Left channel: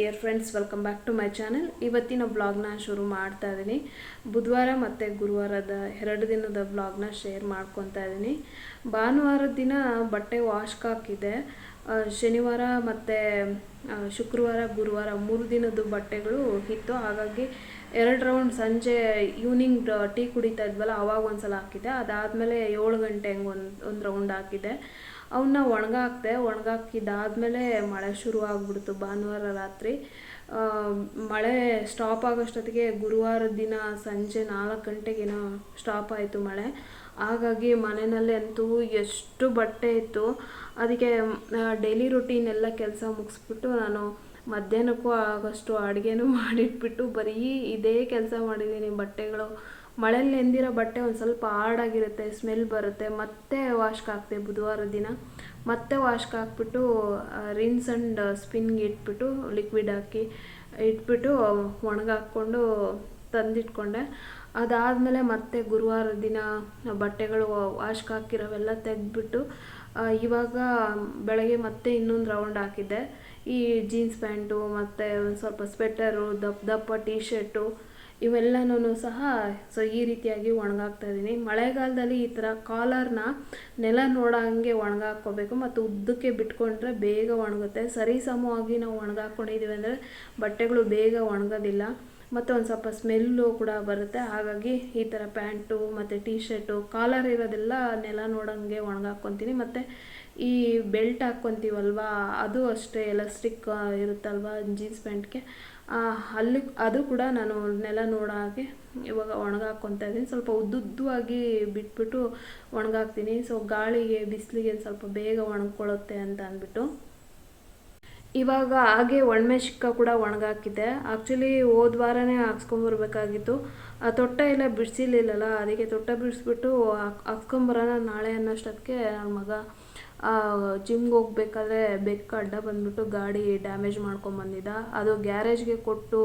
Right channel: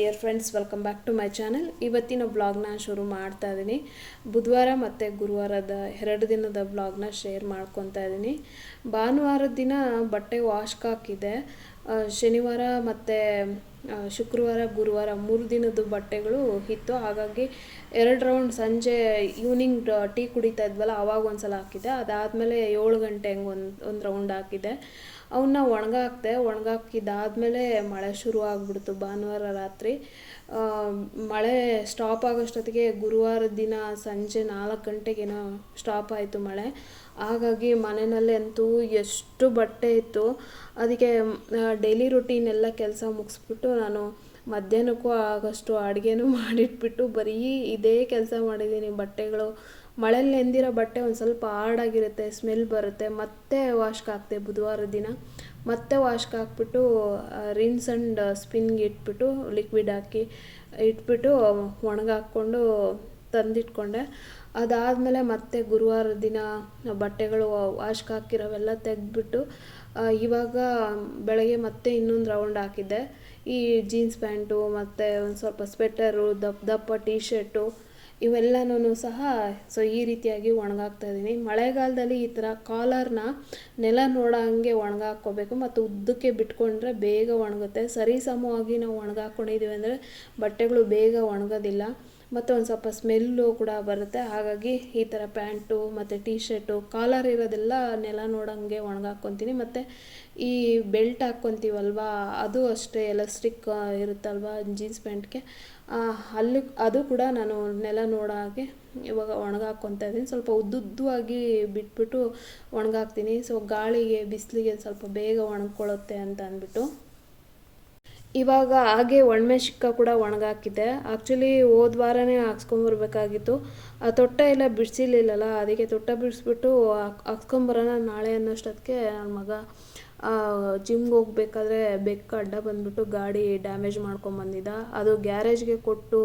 Dear friends welcome back to my channel ಇವತ್ತಿನ ಬ್ಲಾಗ್ನ ಶುರು ಮಾಡ್ತಾ ಇದ್ದೀನಿ ಬುಧವಾರ ಮತ್ತು ಗುರುವಾರದ ಎರಡು ದಿನದ ಬ್ಲಾಗ್ನ ಶೇರ್ ಮಾಡ್ಕೊತಾ ಇದ್ದೀನಿ ಭಾನುವಾರದ ದಿನ ಬಟ್ಟೆ ವಾಶ್ ಹಾಕಿದೆ. ಶನಿವಾರ ಮತ್ತು ಶುಕ್ರವಾರ, ಗುರುವಾರ ಮೂರು ದಿನದ ಬಟ್ಟೆಗಳು ಇತ್ತು ಹಾಗಾಗಿ ಎರಡು ರೌಂಡ್ ಸಂಜೆ ಈವ್ನಿಂಗ್ ಟೀ ಕುಡಿತಾ ಇದ್ವಲ್ಲ, ಅವಾಗ ಒಂದು ಸಲ ಹಾಕಿದ್ದೆ. ಅದಾದಮೇಲೆ ಏಳು ಗಂಟೆ ಹಂಗೆ ಒಂದು ಒಂದು ರೌಂಡ್ ಹಾಕಿದ್ದೆ. ಅವನ್ನ ಒಣಗಾಕ್ದೆ. ಒಣಗಾಕಿದ್ದಾದಮೇಲೆ ಮಳೆ ಶುರು ಆಗ್ಬಿಡ್ತು ಭಾನುವಾರ ರಾತ್ರಿ. ಮಳೆ ಸ್ಟಾಪ್ ಆಗೋಷ್ಟೊತ್ತಿಗೆ ಗುರುವಾರ ದಿನ ಸಂಜೆ ನಾಲ್ಕು ಗಂಟೆಗೇನೋ ಸ್ಟಾಪ್ ಆಯಿತು ಮಳೆ. ಹಾಗಾಗಿ ಮನೆಯಲ್ಲಿ ಅಂತೂ ಎಷ್ಟು ಬಟ್ಟೆ ಇತ್ತು. ಅದಕ್ಕೆ ಡೈಲಿ ರುಟೀನ್ ಎಲ್ಲ ಕೆಲಸ ಮುಗಿಸ್ಬಿಟ್ಟು ನಾನು ಮಧ್ಯಾಹ್ನಕ್ಕೂ ಆಗೋಷ್ಟು ಅಡುಗೆನೂ ಮಾಡಿಟ್ಬಿಟ್ಟು ಬರೀ ಇದೇ ಕೆಲಸ ಮಾಡಿದ್ದೀನಿ. ಬಟ್ಟೆಗಳು ಮಳೆಯಲ್ಲಿ ನೆಂದಿರೋ ಬಟ್ಟೆ ಒಂದು ಸ್ವಲ್ಪ ಹಾರ್ಡಾಗಿರುತ್ತೆ ಸ್ಮೆಲ್ ಬರುತ್ತೆ. ಮತ್ತೆ ವಾಶ್ಗೆ ಹಾಕ್ತೆ ಬುಧವಾರ ದಿನ. ಮತ್ತೆ ವಾಶ್ಗೆ ಹಾಕ್ಬಿಟ್ಟು ರಿನ್ಸ್ ಆ್ಯಂಡ್ ಸ್ಪಿನ್ಗೆ ಇಟ್ಬಿಟ್ಟು ಲಿಕ್ವಿಡ್ ಹಾಕಿ ಇಟ್ಬಿಟ್ಟು ಒಣಗಾಕ್ಕೊಂಡು ತಂದಿಟ್ಕೊಂಡೆ. ಅದಾದಮೇಲೆ ಮತ್ತೆ ಗುರುವಾರ ದಿನ ಬಟ್ಟೆಗಳು ವಾಶ್ಗೆ ಹಾಕಿರೋವೆಲ್ಲ ತೆಗೆದ್ಬಿಟ್ಟು ಇವಾಗ ಬೆಳಗ್ಗೆ ಮತ್ತೆ ಇನ್ನೊಂದು ರೌಂಡ್ ಹಾಕಿದ್ದೆ. ಈ ಜೀನ್ಸ್ ಪ್ಯಾಂಟು ಮತ್ತು ಒಂದು ಸ್ವಲ್ಪ ಸ್ವೆಟರು ದಪ್ಪ ದಪ್ಪ ಟೀ ಶರ್ಟು ಇವೆಲ್ಲನೂ ಸಹ ಸೊ ಈ ರೀತಿಯಾಗಿ ಒಣಗಾಕ್ತಾ ಇದ್ದೀನಿ. ಮಳೆಗಾಲದಲ್ಲಿ ಈ ಥರ ಕಾಲರ್ನ ನೆಲ ನೋಡೋ ಹಂಗೆ ಒಣಗಾಕ್ಕೋಬೇಕು. ಮತ್ತು ಉದ್ದಕ್ಕೆ ಬಿಟ್ಕೊಂಡ್ರೆ ಬೇಗ ಒಣಗುತ್ತೆ. ಸರಿಸಮವಾಗಿ ನಾವು ಒಣಗಾಕೊಂಡಿದ್ದೀವಿ ಅಂದರೆ ಬಟ್ಟೆಗಳು ಬೇಗ ಒಣಗೋದಿಲ್ಲ. ಮತ್ತು ಒಂದು ಸ್ವಲ್ಪ ಸ್ಮೆಲ್ಲು ಕೂಡ ಬರುತ್ತೆ. ಹಾಗಾಗಿ ಈ ಥರ ಪ್ಯಾಂಟು, ಮತ್ತು ಟೀ ಶರ್ಟು ಕಾಲರ್ ಇರೋದೆಲ್ಲ ನೆಲ ನೋಡೋಂಗೆ ಒಣಗಾಕ್ಕೊತೀನಿ ಮತ್ತು ಈ ಬೆಲ್ಟ್ ಹಾಕ್ಕೊತೀವಲ್ವ, ಅದು ಅಷ್ಟೇ ಎಲಾಸ್ಟಿಕ್ ಇರುತ್ತಲ್ವ ಜೀನ್ಸ್ ಪ್ಯಾಂಟ್ಗೆ ಅಲ್ಲಿ, ಅದು ಕೂಡ ನಾನು ನೆಲ ನೋಡೋ ಹಾಗೆ ಇವಾಗ ಒಣಗಾಕ್ಕೊತಾ ಇದ್ದೀನಿ. ಸ್ವಲ್ಪ ಉದ್ದುದ್ದವಾಗಿ ಬಿಟ್ಬಿಟ್ಟು ಒಣಗಾಕ್ತೀನಿ ಸೊ ಗಾಳಿಗೆ, ಬಿಸಿಲಿಗೆ ಸ್ವಲ್ಪ ಬೇಗ ಒಣಗ್ಕೊಳ್ಳುತ್ತೆ ಅಂತ ಅಂದ್ಬಿಟ್ಟು. ಇವಾಗ ಹಾಗೆ ಒಣಮೆಶಿಕ್ಕ ಕೂಡ ಒಣಗಾಕಿದ್ದೆ ಆ್ಯಕ್ಚುಲಿ ಹೋದ ವಾರನೇ ಹಾಕ್ಸ್ಕೊಂಬರ್ಬೇಕಾಗಿತ್ತು ಆ ತೊಟ್ಟ ಎಲ್ಲ ಬಿಡಿಸಿರ್ಲಿಲ್ಲಲ್ಲ, ಅದಕ್ಕೆ ತೊಟ್ಟ ಬಿಡಿಸ್ಬಿಟ್ಟು ಹಾಕ್ ಹಾಕ್ಸ್ಕೊಂಬರೋಣ ನಾಳೆ ಅನ್ನೋಷ್ಟೊತ್ತಿಗೆ ನನ್ನ ಮಗ ಜಿಮ್ಗೆ ಹೋಗ್ಬೇಕಾದ್ರೆ ಬೆಕ್ಕ ಅಡ್ಡ ಬಂದ್ಬಿಟ್ಟು ಗಾಡಿ ಡ್ಯಾಮೇಜ್ ಮಾಡ್ಕೊಂಬಂದಿದ್ದ ಅದು ಗ್ಯಾರೇಜ್ಗೆ ಕೊಟ್ಟು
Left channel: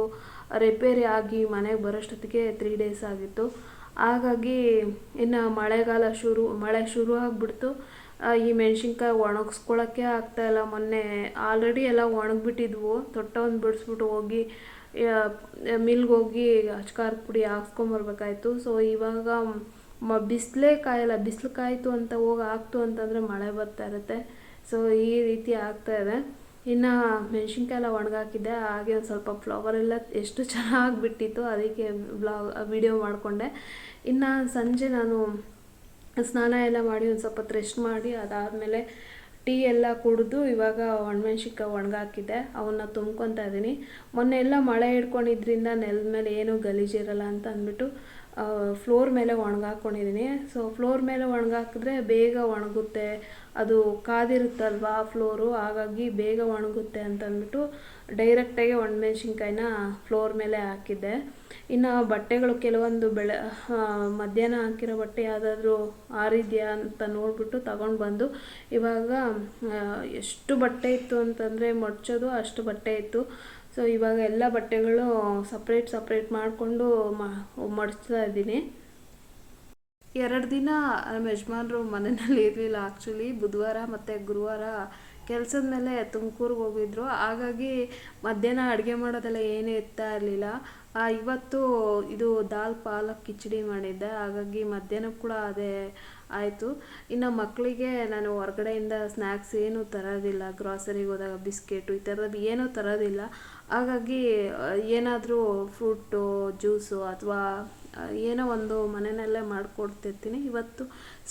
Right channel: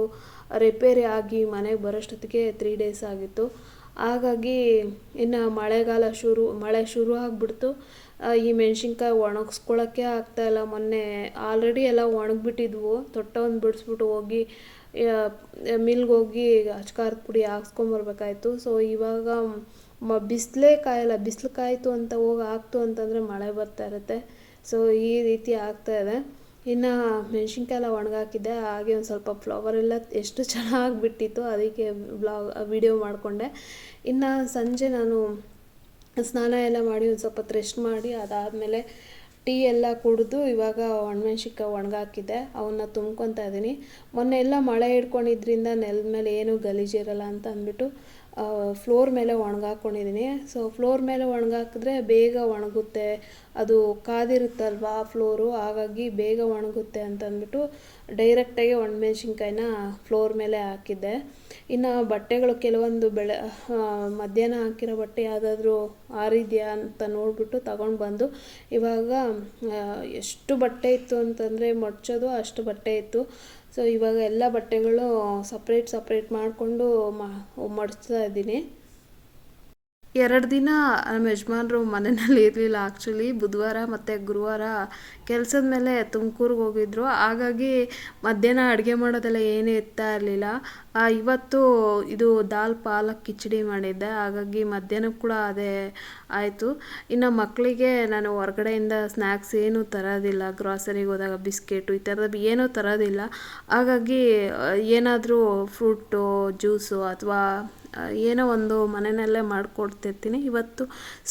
ರಿಪೇರಿ ಆಗಿ ಮನೆಗೆ ಬರೋಷ್ಟೊತ್ತಿಗೆ ತ್ರೀ ಡೇಸ್ ಆಗಿತ್ತು. ಹಾಗಾಗಿ ಇನ್ನು ಮಳೆಗಾಲ ಶುರು, ಮಳೆ ಶುರು ಆಗಿಬಿಡ್ತು ಈ ಮೆಣಸಿನ್ಕಾಯಿ ಒಣಗಿಸ್ಕೊಳ್ಳೋಕ್ಕೆ ಆಗ್ತಾಯಿಲ್ಲ ಮೊನ್ನೆ ಆಲ್ರೆಡಿ ಎಲ್ಲ ಒಣಗಿಬಿಟ್ಟಿದ್ವು. ತೊಟ್ಟ ಒಂದು ಬಿಡಿಸ್ಬಿಟ್ಟು ಹೋಗಿ ಮಿಲ್ಗೆ ಹೋಗಿ ಅಚ್ಕಾರದ ಪುಡಿ ಹಾಕ್ಸ್ಕೊಂಬರ್ಬೇಕಾಯ್ತು ಸೊ ಇವಾಗ ಮ ಬಿಸಿಲೇ ಕಾಯಲ್ಲ ಬಿಸಿಲು ಕಾಯಿತು ಅಂತ ಹೋಗಿ ಹಾಕ್ತು ಅಂತಂದರೆ ಮಳೆ ಬರ್ತಾ ಇರುತ್ತೆ. ಸೊ ಈ ರೀತಿ ಆಗ್ತಾ ಇದೆ. ಇನ್ನು ಮೆಣಸಿನ್ಕಾಯಿಲ್ಲ ಒಣಗಾಕಿದ್ದೆ. ಹಾಗೆ ಒಂದು ಸ್ವಲ್ಪ ಫ್ಲವರ್ ಎಲ್ಲ ಎಷ್ಟು ಚೆನ್ನಾಗಿ ಬಿಟ್ಟಿತ್ತು ಅದಕ್ಕೆ ವಿಡಿಯೋ ಮಾಡಿಕೊಂಡೆ. ಇನ್ನು ಸಂಜೆ ನಾನು ಸ್ನಾನ ಎಲ್ಲ ಮಾಡಿ ಒಂದು ಸ್ವಲ್ಪ ರೆಸ್ಟ್ ಮಾಡಿ, ಅದಾದಮೇಲೆ ಟೀ ಎಲ್ಲ ಕುಡಿದು ಇವಾಗ ಒಣಮೆಣ್ಸಿನ್ಕಾಯಿ ಒಣಗಾಕಿದ್ದೆ ಅವನ್ನ ತುಂಬ್ಕೊತಾ ಇದ್ದೀನಿ ಮೊನ್ನೆ ಎಲ್ಲ ಮಳೆ ಹಿಡ್ಕೊಂಡಿದ್ರಿಂದ ನೆಲದ ಮೇಲೆ ಏನೂ ಗಲೀಜಿರಲ್ಲ ಅಂತ ಅಂದ್ಬಿಟ್ಟು ಫ್ಲೋರ್ ಮೇಲೆ ಒಣಗಾಕೊಂಡಿದ್ದೀನಿ. ಸೊ ಫ್ಲೋರ್ ಮೇಲೆ ಒಣಗಾಕಿದ್ರೆ ಬೇಗ ಒಣಗುತ್ತೆ. ಅದು ಕಾದಿರುತ್ತಲ್ವಾ ಫ್ಲೋರು ಹಾಗಾಗಿ ಬೇಗ ಒಣಗುತ್ತೆ ಅಂತಂದ್ಬಿಟ್ಟು ಡೈರೆಕ್ಟಾಗಿ ಒಣಮೆಣ್ಸಿನ್ಕಾಯಿನ ಫ್ಲೋರ್ ಮೇಲೆ ಹಾಕಿದ್ದೆ. ಇನ್ನು ಬಟ್ಟೆಗಳು ಕೆಲವೊಂದು ಬೆಳೆ ಮಧ್ಯಾಹ್ನ ಹಾಕಿರೋ ಬಟ್ಟೆ ಯಾವುದಾದ್ರೂ ಆರಿದೆಯಾ ಅಂತ ನೋಡಿಬಿಟ್ಟು ತಗೊಂಡು ಬಂದು ಇವಾಗ ಎಷ್ಟು ಬಟ್ಟೆ ಇತ್ತು ಅಂತಂದರೆ ಮೊಚ್ಚೋದು ಅಷ್ಟು ಬಟ್ಟೆ ಇತ್ತು. ಸೊ ಇವಾಗ ಎಲ್ಲ ಬಟ್ಟೆಗಳು ಸಪ್ರೇಟ್ ಸಪ್ರೇಟ್ ಮಾಡಿಕೊಂಡು ಮಡಿಸ್ತಾ ಇದ್ದೀನಿ. ಎರಡು ದಿನ ನಮ್ಮ ಯಜಮಾನ್ರು ಮನೆಯಲ್ಲಿ ಇರಲಿಲ್ಲ ಆ್ಯಕ್ಚುಲಿ ಬುಧವಾರ ಮತ್ತು ಗುರುವಾರ ಕೆಲಸದ ಮೇಲೆ ತುಮಕೂರಿಗೆ ಹೋಗಿದ್ರು. ಹಾಗಾಗಿ ಮಧ್ಯಾಹ್ನ ಅಡುಗೆ ಮಾಡೋದೆಲ್ಲ ಏನೂ ಇರ್ತಾ ಇರಲಿಲ್ಲ. ಇವತ್ತು ಇದು ದಾಲ್, ಪಾಲಕ್ ಕಿಚಡಿ ಮಾಡಿದ್ದೆ. ಹಾಗಾಗಿ ಮಧ್ಯಾಹ್ನ ಕೂಡ ಅದೇ ಆಯಿತು. ಇನ್ನು ಮಕ್ಕಳಿಗೆ ನಾನು ಹೊರಗಡೆಯಿಂದ ಸ್ನ್ಯಾಕ್ಸ್ ಏನೂ ತರೋದಿಲ್ಲ. ಗ್ರಾಸರಿಗೆ ಹೋದಾಗ ಬಿಸ್ಕೆಟು ಈ ಥರದ್ದು ಏನೂ ತರೋದಿಲ್ಲ. ಹಾಗಾಗಿ, ಏನಾದರೂ ಫ್ರೂಟು ಜ್ಯೂಸು ಅಥವಾ ಏನೋ ಒಂದು ಮನೆಯಲ್ಲೇ ಮಾಡಿಕೊಡ್ತಿರ್ತೀನಿ. ಇವತ್ತು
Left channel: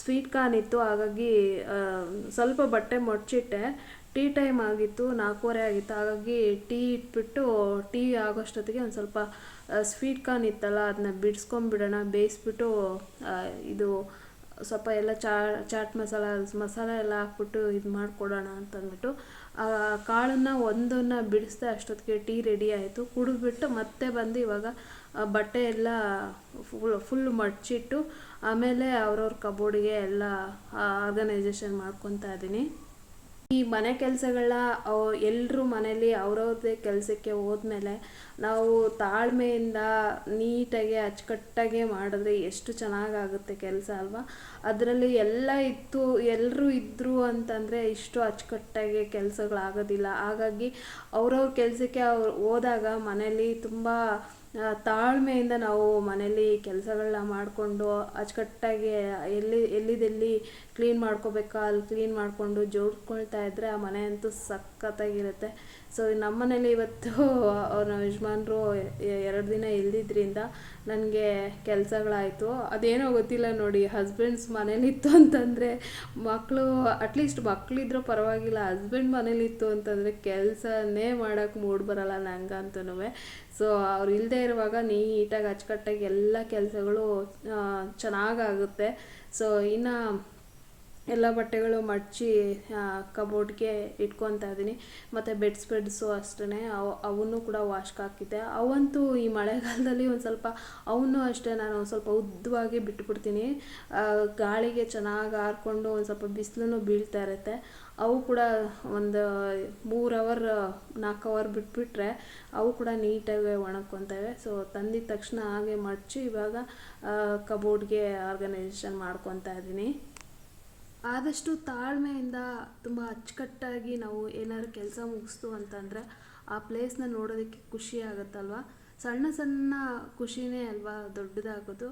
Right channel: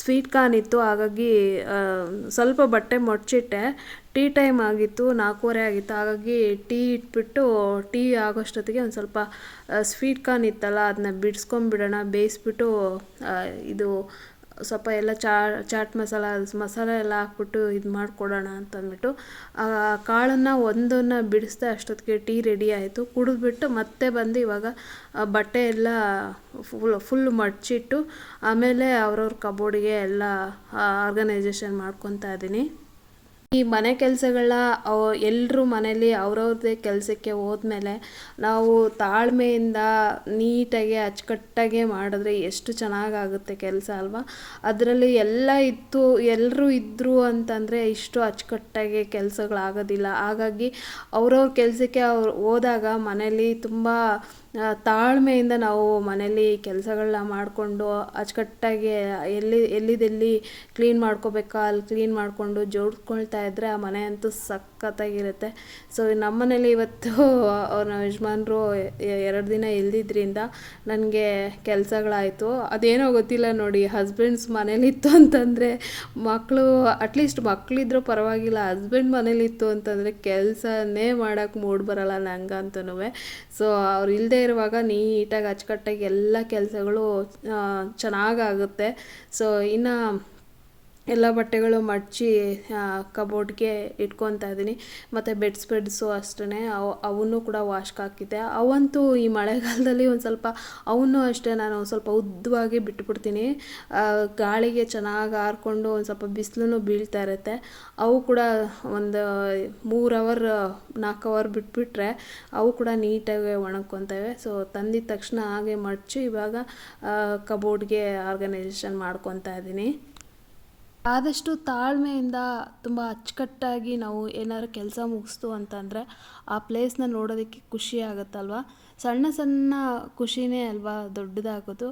ಸ್ವೀಟ್ ಕಾರ್ನ್ ಇತ್ತು, ಹಾಗಾಗಿ ಸ್ವಲ್ಪ ಬಟ್ಟೆ ಮೊಡ್ಚಿಟ್ಟೆ. ಟೀ ಟೈಮ್ ಆಗಿತ್ತು, ನಾಲ್ಕೂವರೆ ಆಗಿತ್ತು. ಹಾಗಾಗಿ ಟೀ ಇಟ್ಬಿಟ್ಟು ಟೀ ಆಗೋಷ್ಟೊತ್ತಿಗೆ ಒಂದು ಸ್ವಲ್ಪ ಸ್ವೀಟ್ ಕಾರ್ನ್ ಇತ್ತಲ್ಲ ಅದನ್ನ ಬಿಡಿಸ್ಕೊಂಬಿಡೋಣ ಬೇಯಿಸ್ಬಿಟ್ಟು ಇದು ಸ್ವಲ್ಪ ಎಲ್ಲ ಚಾಟ್ ಮಸಾಲ, ಮಸಾಲೆ ಎಲ್ಲ ಹಾಕ್ಬಿಟ್ಟು ಇದು ಮಾಡಿಕೊಡೋಣ ಅಂತಂದ್ಬಿಟ್ಟು, ಆ ಕಾಳನ್ನು ಒಂದನ್ನು ಬಿಡಿಸ್ದೆ ಅಷ್ಟೊತ್ತಿಗೆ ಟೀ ರೆಡಿ ಆಯಿತು. ಕುಡಿದ್ಬಿಟ್ಟು ಮತ್ತೆ ಬಂದು ಇವಾಗ ಬಟ್ಟೆ ಎಲ್ಲ ಫುಲ್ ಫುಲ್ ಮಡಚಿಟ್ಟು, ಆಮೇಲೆ ಅವ್ರವ್ರ ಕಬೋರ್ಡಿಗೆ ಎಲ್ಲ ಆರ್ಗನೈಸೇಷನ್ ಮಾಡ್ಕೊತಾ ಇದ್ದೀನಿ. ಈ ಮನೆ ಕೆಲಸಗಳ ಎಲ್ಲರೂ ಮನೇಲಿ ಅವ್ರವ್ರದ್ದೇ ಕೆಲಸಕ್ಕೆ ಹೋದ್ಮೇಲೆ ನಾವು ತಾಳ್ಮೆಯಿಂದ ನೀಟಾಗಿ ಅಚ್ಚುಕಟ್ಟಾಗೆ ಮಾಡಿದ್ರೆ ಎಷ್ಟು ಚೆನ್ನಾಗಾಗುತ್ತೆ ಕೆಲಸ ಅಲ್ವಾ? ಅದರಲ್ಲಿ ಎಲ್ಲ ಇತ್ತು ಎಲ್ಲರೂ ಇದ್ದರು ಅಂತಂದರೆ ಇಷ್ಟು ಅಚ್ಚುಕಟ್ಟಾಗಿ ಕೆಲಸಗಳಾಗೋದಿಲ್ಲ. ಹಾಗಾಗಿ ಅವ್ರವ್ರ ಕೆಲಸಕ್ಕೆ ಅವ್ರು ಹೋದಾಗ ಮನೇಲಿ ತುಂಬ ತಾಳ್ಮೆಯಿಂದ ನಾವು ಮನೇಲಿ ಕೆಲಸಗಳನ್ನ ಮಾಡಿಕೊಂಡು ಅಚ್ಚುಕಟ್ಟಾಗಿ ಎಲ್ಲಿ, ಎಲ್ಲಿದೆಲ್ಲಿ ಕ್ಲೀನ್ ಮಾಡ್ಕೋಬೇಕಾ, ಅಲ್ಲಿ ಕ್ಲೀನ್ ಮಾಡಿಕೊಂಡು ಜೋಡಿಸ್ಕೊಳ್ತಾ ಇದ್ದರೆ ಆ ಮನೆ ಅಂತೂ ಸಖತ್ತಾಗಿರುತ್ತೆ. ಸೊ ನಮ್ಮ ಮನೇಲಿ ಇವತ್ತು ಅವ್ರ ಯಜಮಾನರು ಎರಡು ದಿನ ಇಲ್ದಿದ್ರಿಂದ ನನಗೆ ಕೆಲಸಗಳಾಯಿತು. ಅದೇನೋ ಗೊತ್ತಿಲ್ಲ ನೋಡಿ ಹಸ್ಬೆಂಡ್ಸ್ ಮನೇಲಿತ್ತು ಅಂತಂದರೆ ಮಕ್ಕಳು ಅಟ್ಲೀಸ್ಟ್ ಮಕ್ಕಳಿದ್ರು ಪರವಾಗಿಲ್ಲ ಹಸ್ಬೆಂಡ್ ಮನೇಲಿತ್ತು ಅಂತಂದರೆ ಕೆಲಸನೇ ಮಾಡೋಕ್ಕೆ ಮೂಡ್ ಬರಲ್ಲ ನಂಗಂತೂ ಸೊ ಅವ್ರು ಇಲ್ಲದೆ ಇರುವಾಗ ನೀಟಾಗಿ ಅಚ್ಚುಕಟ್ಟಾಗಿ ಎಲ್ಲ ಕೆಲಸಗಳು ಚೆನ್ನಾಗಾಗುತ್ತೆ. ಸೊ ಇನ್ನು ಎಲ್ಲ ಬಟ್ಟೆಗಳು ಮಡಚಿ ಕಬೋರ್ಡ್ಗೆ ಇಟ್ಕೊತಾ ಇದ್ದೀನಿ. ಮತ್ತು ಬೆಡ್ ಸ್ಪ್ರೆಡ್ಸು ಅಷ್ಟೇ ಅವು, ಅವನ್ನೂ ಕೂಡ ವಾಶ್ಗೆ ಹಾಕಿದ್ದೆ. ಅವಂತೂ ಈ ಮಳೆಗಾಲದಲ್ಲಿ ಒಂದು ಸ್ವಲ್ಪ ಅವನ್ನೂ ಅಷ್ಟೇ ನಾನು ಸ್ವಲ್ಪ ಉದ್ದವಾಗಿ ಬಿಟ್ಬಿಡ್ತೀನಿ. ಗಾಳಿಗೆ ಚೆನ್ನಾಗಿ ಹಾರ್ಕೊಂಡು ಒಂದು ಸ್ವಲ್ಪ ಬಿಸಿಲು ಬೀಳ್ತಾ ಇರುತ್ತೆ. ಅವು ಕೂಡ ಒಂದು ಮೂರು ಅವರ್ ನಾಲ್ಕು ಅವರ್ ಬಿಟ್ಬಿಟ್ರೆ ಅವು ಕೂಡ ನೀಟಾಗಿ ಒಣಗ್ಕೊತವೆ ಸೊ ತಂದಿದ ತಕ್ಷಣ ಹಾಗೆ ಮಡಚಿ ಇವಾಗ ಕಬೋರ್ಡ್ಗೆ ಆರ್ಗನೈಸೇಷನ್ ಮಾಡ್ಕೊತಾ ಇದ್ದೀನಿ. ಆದಷ್ಟು ತಾಳ್ಮೆಯಿಂದ ತುಂಬ ಅಚ್ಚುಕಟ್ಟಾಗಿ ನಾವು ಏನಾದ್ರು ಕೆಲಸ ಮುಗಿಸ್ತು ಅಂತಂದರೆ ಆ ಪ್ಲೇಸ್ನ ನೋಡೋದಕ್ಕೆ ಖುಷಿ ಆಗುತ್ತಲ್ವ? ಸಣ್ಣ ಸಣ್ಣ ಖುಷಿನೇ ಅಲ್ವಾ ದೊಡ್ಡದಾಗೋದು.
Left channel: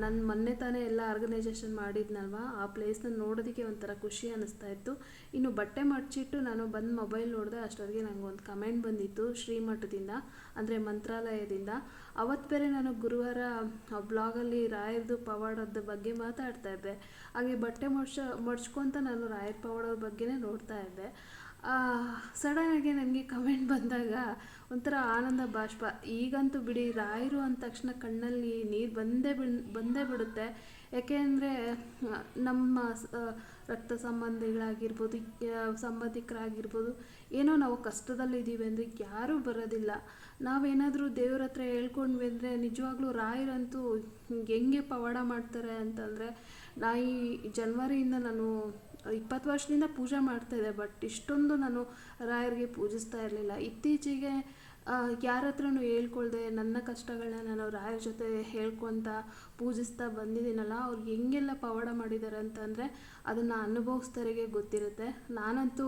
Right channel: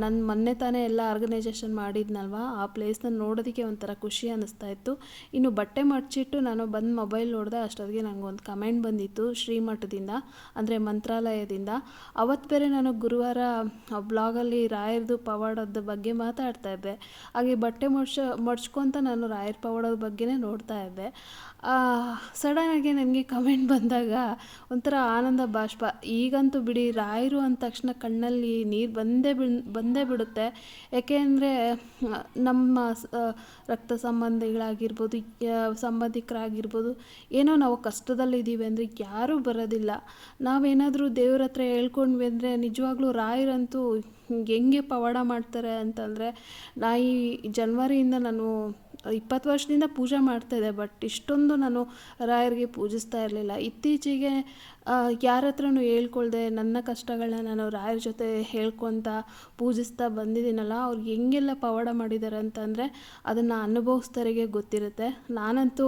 ನನ್ನ ಮೊನ್ನೆ ತಾನೇ ಎಲ್ಲ ಆರ್ಗನೈಸೇಷನ್ ಮಾಡಿದ್ನಲ್ವ, ಆ ಪ್ಲೇಸ್ನ ನೋಡೋದಕ್ಕೆ ಒಂಥರ ಖುಷಿ ಅನ್ನಿಸ್ತಾ ಇತ್ತು. ಇನ್ನು ಬಟ್ಟೆ ಮಡಚಿಟ್ಟು ನಾನು ಬಂದು ಮೊಬೈಲ್ ನೋಡಿದೆ ಅಷ್ಟೊತ್ತಿಗೆ ನನಗೆ ಒಂದು ಕಮೆಂಟ್ ಬಂದಿತ್ತು ಶ್ರೀಮಠದಿಂದ, ಅಂದರೆ ಮಂತ್ರಾಲಯದಿಂದ. ಅವತ್ತು ಬೇರೆ ನಾನು ಗುರುವಾರ ಬ್ಲಾಗಲ್ಲಿ ರಾಯರದು ಪವಾಡದ ಬಗ್ಗೆ ಮಾತಾಡ್ತಾ ಇದ್ದೆ. ಹಾಗೆ ಬಟ್ಟೆ ಮಡ್ಚ ಮಡ್ಚ್ಕೊತ ನಾನು ರಾಯರ್ ಪವಾಡದ ಬಗ್ಗೆನೇ ನೋಡ್ತಾ ಇದ್ದೆ. ಸಡನ್ನಾಗಿ ನನಗೆ ಕಮೆಂಟ್ ಬಂದಾಗ ಒಂಥರ ಆನಂದ ಬಾಷ್ಪ. ಈಗಂತೂ ಬಿಡಿ ರಾಯರು ಅಂದ ತಕ್ಷಣ ಕಣ್ಣಲ್ಲಿ ನೀರು ಬಂದೇ ಬಿ ಬಂದೇ ಬಿಡುತ್ತೆ. ಯಾಕೆ ಅಂದರೆ ನಮ್ಮ ರಕ್ತ ಸಂಬಂಧಿಗಳಾಗಿರ್ಬೋದು ಸಂಬಂಧಿಕರಾಗಿರ್ಬೋದು, ಏನೋ ನಾವು ಕಷ್ಟದಲ್ಲಿದ್ದೀವಿ ಅಂದರೆ ಯಾರೂ ಬರೋದಿಲ್ಲ. ನಾವೇನಾದರೂ ದೇವ್ರ ಹತ್ರ ಹೇಳ್ಕೊಂಡ್ವಿ ಅಂದರೆ ನಿಜವಾಗ್ಲೂ ರಾಯರಂತೂ ಹೆಂಗೆ ಪವಾಡ ಮಾಡ್ತಾರೆ ಅಂತಂದರೆ ನಾ ಈ ಜನ್ವರಿಯಿಂದ ನಾನು ಇಪ್ಪತ್ತು ವರ್ಷದಿಂದ ಪೂಜೆ ಮಾಡ್ತಾಯಿದ್ದೆ ಬಟ್ ಇಷ್ಟೊಂದು ನಾನು ರಾಯರಿಗೆ ಪೂಜಿಸ್ತಾ ಇರಲಿಲ್ಲ. ಇತ್ತೀಚೆಗೆ ಯಾರ ಹತ್ರನೂ ಹೇಳ್ಕೊಳ್ದೆ ನನ್ನ ಕಷ್ಟಗಳನ್ನ ನಾನು ರಾಯರ ಜೊತೆ ಹೇಳ್ಕೊತ ಪೂಜಿಸ್ತಾ ಬಂದಿದ್ದೀನಲ್ಲ, ಅವ್ರು ಹೆಂಗೆಲ್ಲ ಪವಾಡ ಮಾಡಿದ್ದಾರೆ ಅಂತಂದರೆ ಅದನ್ನು ಅನುಭವಿಸ್ದವರಿಗೆ ಗೊತ್ತಿರುತ್ತೆ. ನಾನಂತೂ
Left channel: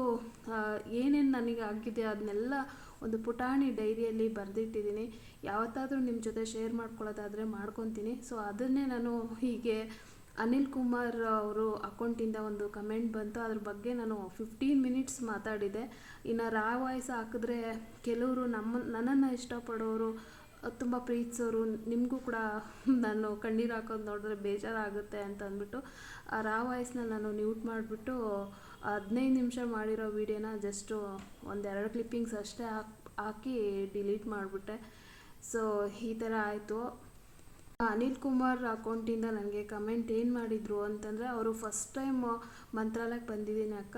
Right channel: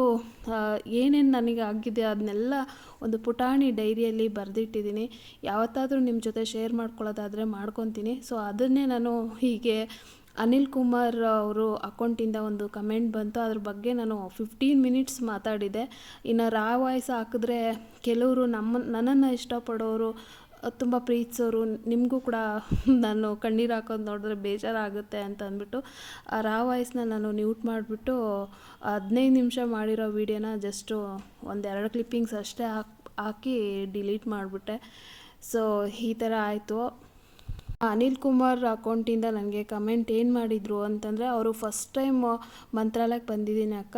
ಏನೇನು ನನಗೆ ಆಗಿದೆ ಅದನ್ನೆಲ್ಲ ಒಂದು ಪುಟಾಣಿ ಡೈರಿಯಲ್ಲಿ ಬರೆದಿಟ್ಟಿದ್ದೀನಿ. ಯಾವತ್ತಾದರೂ ನಿಮ್ಮ ಜೊತೆ ಶೇರ್ ಮಾಡ್ಕೊಳ್ಳೋದಾದರೆ ಮಾಡ್ಕೊತೀನಿ. ಸೊ ಅದನ್ನೇ ನಾನು ಹೀಗೆ ಅನಿಲ್ ಕುಮಾರ್ ಅವರು ಅಕೌಂಟಿಂದ ಒಂದು ಕಮೆಂಟ್ ಬಂತು. ಅದ್ರ ಬಗ್ಗೆ ನಾನು ಫಿಫ್ಟೀನ್ ಮಿನಿಟ್ಸ್ ಮಾತಾಡಿದೆ. ಇನ್ನು ರಾ ವಾಯ್ಸ್ ಹಾಕಿದ್ರೆ ಕೆಲವರು ನಮ್ಮ, ನನ್ನನ್ನು ಇಷ್ಟಪಡೋರು, ತುಂಬ ಪ್ರೀತಿಸೋರು, ನಿಮಗೂ ಕೂಡ ನಾನು ಕಣ್ಣೀರು ಹಾಕೋದು ನೋಡಿದ್ರೆ ಬೇಜಾರಾಗುತ್ತೆ ಅಂತ ಅಂದ್ಬಿಟ್ಟು, ಆ ರಾ ವಾಯ್ಸ್ನ ನಾನು ನ್ಯೂಟ್ ಮಾಡಿಬಿಟ್ಟು, ಹದಿನೈದು ನಿಮಿಷ ಮಾಡಿರೋ ವೀಡಿಯೋನ ಜಸ್ಟು ಒಂದೆರಡು ಕ್ಲಿಪ್ಪಿಂಗ್ಸ್ ಅಷ್ಟೇ ಹಾಕಿ ಹಾಕಿ ಡಿಲೀಟ್ ಮಾಡಿಬಿಟ್ಟೆ. ಸೊ ಈ ಥರ ಆಯಿತು. ಅನಿಲ್ ಕುಮಾರ್ ಅಕೌಂಟಿಂದ ನನಗೆ ಕಮೆಂಟ್ ಏನು ಮಾಡಿದರು ಅಂತಂದರೆ, ಅವರು ಫಸ್ಟ್ ಟೈಮ್ ಮಂತ್ರಾಲಯಕ್ಕೆ ಬಂದಿದ್ದೀನಿ ಅಕ್ಕ.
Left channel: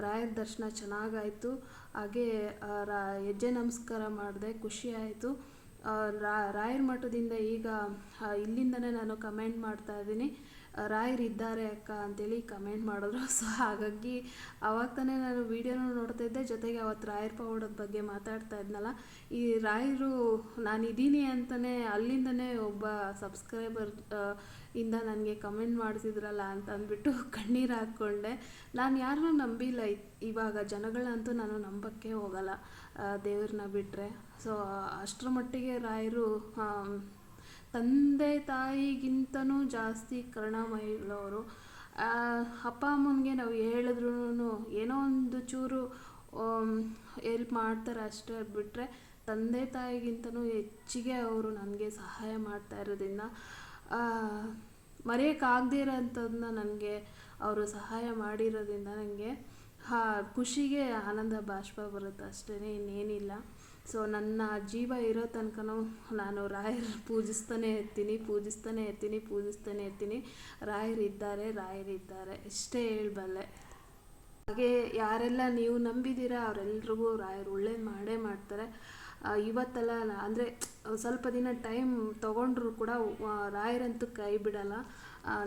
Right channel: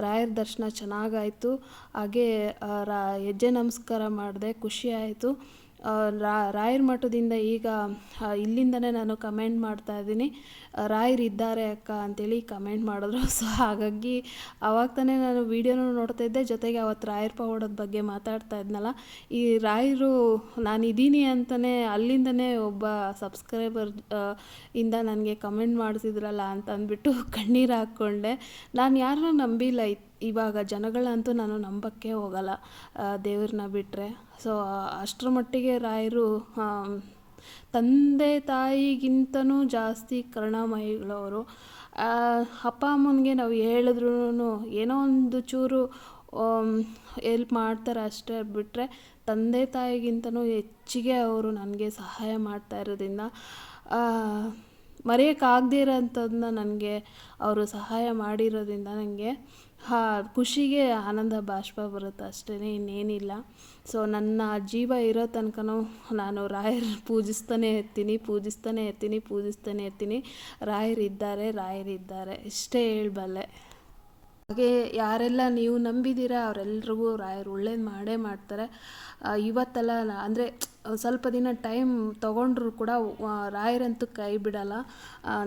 ರಾಯರ ದರ್ಶನ ಚೆನ್ನಾಗಾಯಿತು. ಹಾಗೆ ರಾ, ಹೆಜ್ಜೆ ನಮಸ್ಕಾರ ಮಾಡಿದೆ, ಖುಷಿ ಆಯಿತು. ರಾಯರ ಮಠದಿಂದ ಈಗ ಇಲ್ಲಿಂದನೇ ನಾನು ಕಮೆಂಟ್ ಮಾಡ್ತಾ ಇದ್ದೀನಿ. ರಾಯರಿದ್ದಾರೆ ಅಕ್ಕ ಅಂತೇಳಿ ಕಮೆಂಟ್ ಮಾಡಿದ್ರು. ಸೊ ಹಾಗಾಗಿ ಅವಾಗ ತಾನೇ ನಾನು ವೀಡಿಯೋನೂ ನೋಡ್ತಾ ಇದ್ದೆ. ಜೊತೆಗೆ ಅವತ್ತು ರಾಯರ ಪವಾಡದ ಬಗ್ಗೆ ಮಾತಾಡ್ತಾ ಇದ್ನಲ್ಲ. ಈ ರಾಯರು ನಾನಿದ್ದೀನಿ ಅಂತಲೇ ಅಲ್ಲಿಂದನೇ ಒಬ್ಬ ಸಬ್ಸ್ಕ್ರೈಬರ್ ಇಂದ ನನಗೆ ಕಮೆಂಟ್ ಮಾಡಿಸಿದ್ರಲ್ಲ ಅಂತ ಅಂದ್ಬಿಟ್ಟು ಕಣ್ಣೀರು ಹಾಕ್ಕೊಂಡೆ. ನಾನು ಯಾರನ್ನ ನಂಬಿಲ್ಲ. ಇವಾಗ ಜನಗಳಂತೂ ನಾನು ನಂಬಕ್ಕೆ ಹೋಗಲ್ಲ. ದೇವ್ರನ್ನ ಬಿಟ್ಟರೆ ಸೊ, ಅಷ್ಟರ ಮಟ್ಟಿಗೆ ರಾಯರು ತಂದೆ ತಾಯಿಗಿಂತನೂ ಜಾಸ್ತಿ ಕರ್ಣಮಯಿಗಳವರು. ಅಪ್ಪ ಅಮ್ಮನಿಗೆ ನಾವು ಹೇಳಿದ್ರೂ ಏನೋ ಒಂದು ಚೂರು ಎಲ್ಪ್ ಮಾಡ್ತಾರೆ ಅಷ್ಟೇ ಬಿಟ್ಟರೆ ತಂದೆ ತಾಯಿಗಿಂತನೂ ಹೆಚ್ಚಿಗೆ ಅವರು ನನಗೆ ಸಹಾಯ ಮಾಡ್ತಾ ಇರೋದ್ರಿಂದ ಮರೆಯೋಕ್ಕಾಗದೇ ಇರೋಂಥದ್ದನ್ನ ನನಗೆ ಅವರು ಸಹಾಯ ಮಾಡಿರೋದ್ರಿಂದ ನನಗೆ ಖುಷಿಗೆ ಆನಂದ ಬಾಷ್ಪ ಬರುತ್ತೆ ಅಷ್ಟೇ ಇನ್ನೇನಿಲ್ಲ. ಸೊ ನನ್ನ ಜೀವ ಇರೋ ತನಕನೂ ನಾನು ರಾಯರ್ ಪೂಜಿಸ್ತಾನೆ ಇರ್ತೀನಿ ಪೂಜಿಸ್ತಾನೆ ಇರ್ತೀನಿ ಪೂಜಿಸ್ತಾನೆ ಇರ್ತೀನಿ. ರಾಯರಿದ್ದಾರೆ ರಾಯರಿದ್ದಾರೆ ಇಷ್ಟೇ ಹೇಳಬಲ್ಲೆ. ಹಾಗೆ ಯಾರೆಲ್ಲ ನೀವು ನಂಬಿದ್ದೀರಾ ಅವರೆಲ್ರಿಗೂ ರಾಯರು ಒಳ್ಳೇದು ಮಾಡೇ ಮಾಡ್ತಾರೆ. ಇವತ್ತೆಲ್ಲ ಅಂದರೆ ಸ್ವಲ್ಪ ದಿನ ಟೈಮ್ ತೊಗೊಂಡ್ರು ಕೂಡ ರಾಯರಂತೂ ಕೈ ಬಿಡಲ್ಲ.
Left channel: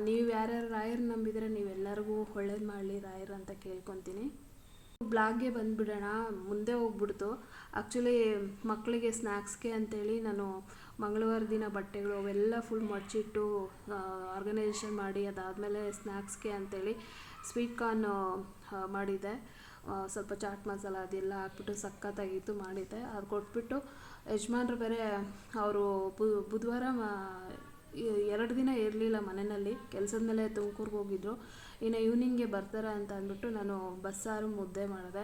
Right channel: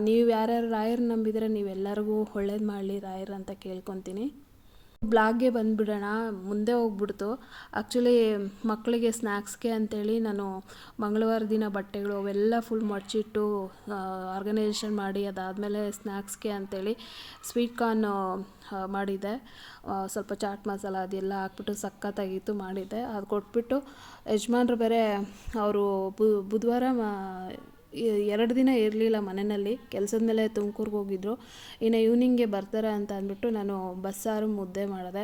ನೀವು ಯಾರ್ಯಾರು ರಾಯರು ನಂಬಿದರೆ ನೀವೆಲ್ಲರಿಗೂ ಒಳ್ಳೇದು ಮಾಡಲಿ, ರಾಯರ್ ಅಂತ ಕೇಳ್ಕೊತೀನಿ. ಬ್ಲಾಗ್ಗೆ ಬಂದುಬಿಡೋಣ, ಮುಂದೆ ಹೋಗ್ಬಿಡ್ತು. ಆ್ಯಕ್ಚುಲಿ ಮಕ್ಕಳಿಗೆ ಸ್ನ್ಯಾಕ್ಸ್ಗೆ ಅಂತೇಳಿ ನಾನು ಮಂಗಳವಾರ ದಿನ ಬಟ್ಟೆಗಳು ಅವೆಲ್ಲ ಫುಲ್ ಮಡಚಿಟ್ಟು ಆರ್ಗನೈಸೇಷನ್ ಮಾಡಿ ಅದಾದಮೇಲೆ ಸ್ನ್ಯಾಕ್ಸ್ಗೆ ಅಂತೇಳಿ ಸ್ವೀಟ್ ಕಾರ್ನ್ ಮಾಡಿದ್ದೆ ಸ್ವಲ್ಪ ಚಾಟ್ ಮಸಾಲ ಅದೆಲ್ಲ ಹಾಕ್ಬಿಟ್ಟು ಸಖತ್ತಾಗಿತ್ತು ಮಾಡಿದ್ದೆ ಅದು ಕೊಟ್ಬಿಟ್ಟು ಯಜಮಾನ್ರು ಬೇರೆ, ಅವರು ಬುಧವಾರ ಎರಡು ದಿನ ಇರಲಿಲ್ಲ ಮನೆಯಲ್ಲಿ. ಕೆಲಸದ ಮೇಲೆ ತುಮಕೂರ್ಗೆ ಹೋಗಿದ್ರು. ಇನ್ನು ಈವ್ನಿಂಗ್ಗೆ ಬರ್ತಾರೆ ಅಂತ ಅಂದ್ಬಿಟ್ಟು ನಾನು ಬಸ್ಸಾರು ಮುದ್ದೆ ಮಾಡಿದೆ.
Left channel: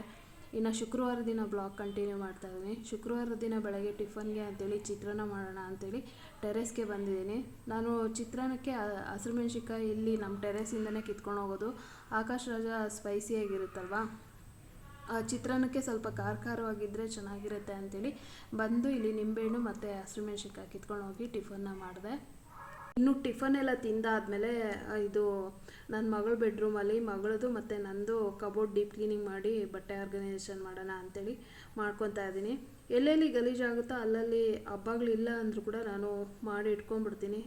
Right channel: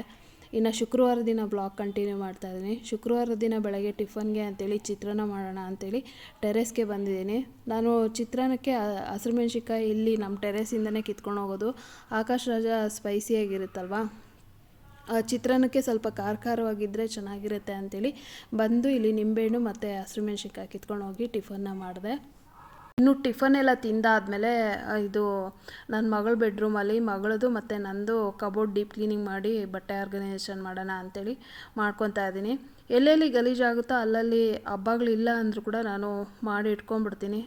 ಇನ್ನು ಶುಕ್ರವಾರ ದಿನ ಬ್ಲಾಗ್ ಕಂಟಿನ್ಯೂ ಮಾಡ್ತಾ ಇದ್ದೀನಿ. ಶುಕ್ರವಾರ ದಿನ ಬೆಳಗ್ಗೆ ಟಿಫನ್ಗೆ ಅಂತೇಳಿ ಚಿತ್ರಾನ್ನ ಮಾಡೋಣ ಅಂತೇಳಿ ಟೆರೆಸ್ಗೆ ಬಂದಿದ್ದೀನಿ. ನಾನು ಚಿತ್ರಾನ್ನಕ್ಕೆ ಹಸಿರು ಮೆಣಸಿನ್ಕಾಯಿ ಇಲ್ಲಿ ನಮ್ಮ ಟೆರೆಸಿಂದನೇ ಕಿತ್ಕೊಂಡು ಹೋಗೋದು. ಆಕಾಶ್ ರಾಜ ಸ್ಪೈಸಿಯಾಗಿರುತ್ತಲ್ವಾ ಚಿತ್ರಾನ್ನಕ್ಕೆ ಸ್ವಲ್ಪ ಖಾರ ಖಾರವಾಗಿದ್ದರೆ ಚೆನ್ನಾಗಿರುತ್ತೆ ಅಂತೇಳಿ ಬಂದು ಇಲ್ಲಿ ನಿಂಬೆಹಣ್ಣು ಮತ್ತು ಹಸಿರು ಮೆಣಸಿನ್ಕಾಯಿ ಕಿತ್ಕೊಂಡು ಹೋಗಿ ಟಿಫನ್ನ ಮಾಡಿದೆ. ಇನ್ನು ಟಿಫನ್ ಎಲ್ಲ ತಿಂದಾದಮೇಲೆ ಇದು ನನ್ನ ಮಗಳ ಬೆಡ್ರೂಮಲ್ಲಿ ಮಗಳದು ಮತ್ತು ನಂದು ಕಬೋರ್ಡ್ ಡೀಪ್ ಕ್ಲೀನಿಂಗ್ ಮಾಡಿ ಬಟ್ಟೆ ಆರ್ಗನೈಸೇಷನ್ ಮಾಡೋಣ ಅಂತೇಳಿ ಮಾಡ್ಕೊತಾ ಇದ್ದೀನಿ. ಎಲ್ಲೆಲ್ಲಿ ಗಲೀಜಾಗುತ್ತೋ ಅಲ್ಲಲ್ಲಿ ಹಬ್ಬಗಳಿಲ್ಲ ಅಂದರೂ ಕೂಡ ನಾನು ಮಾಡಿ ಇಟ್ಕೊಂಡ್ಬಿಡ್ತೀನಿ.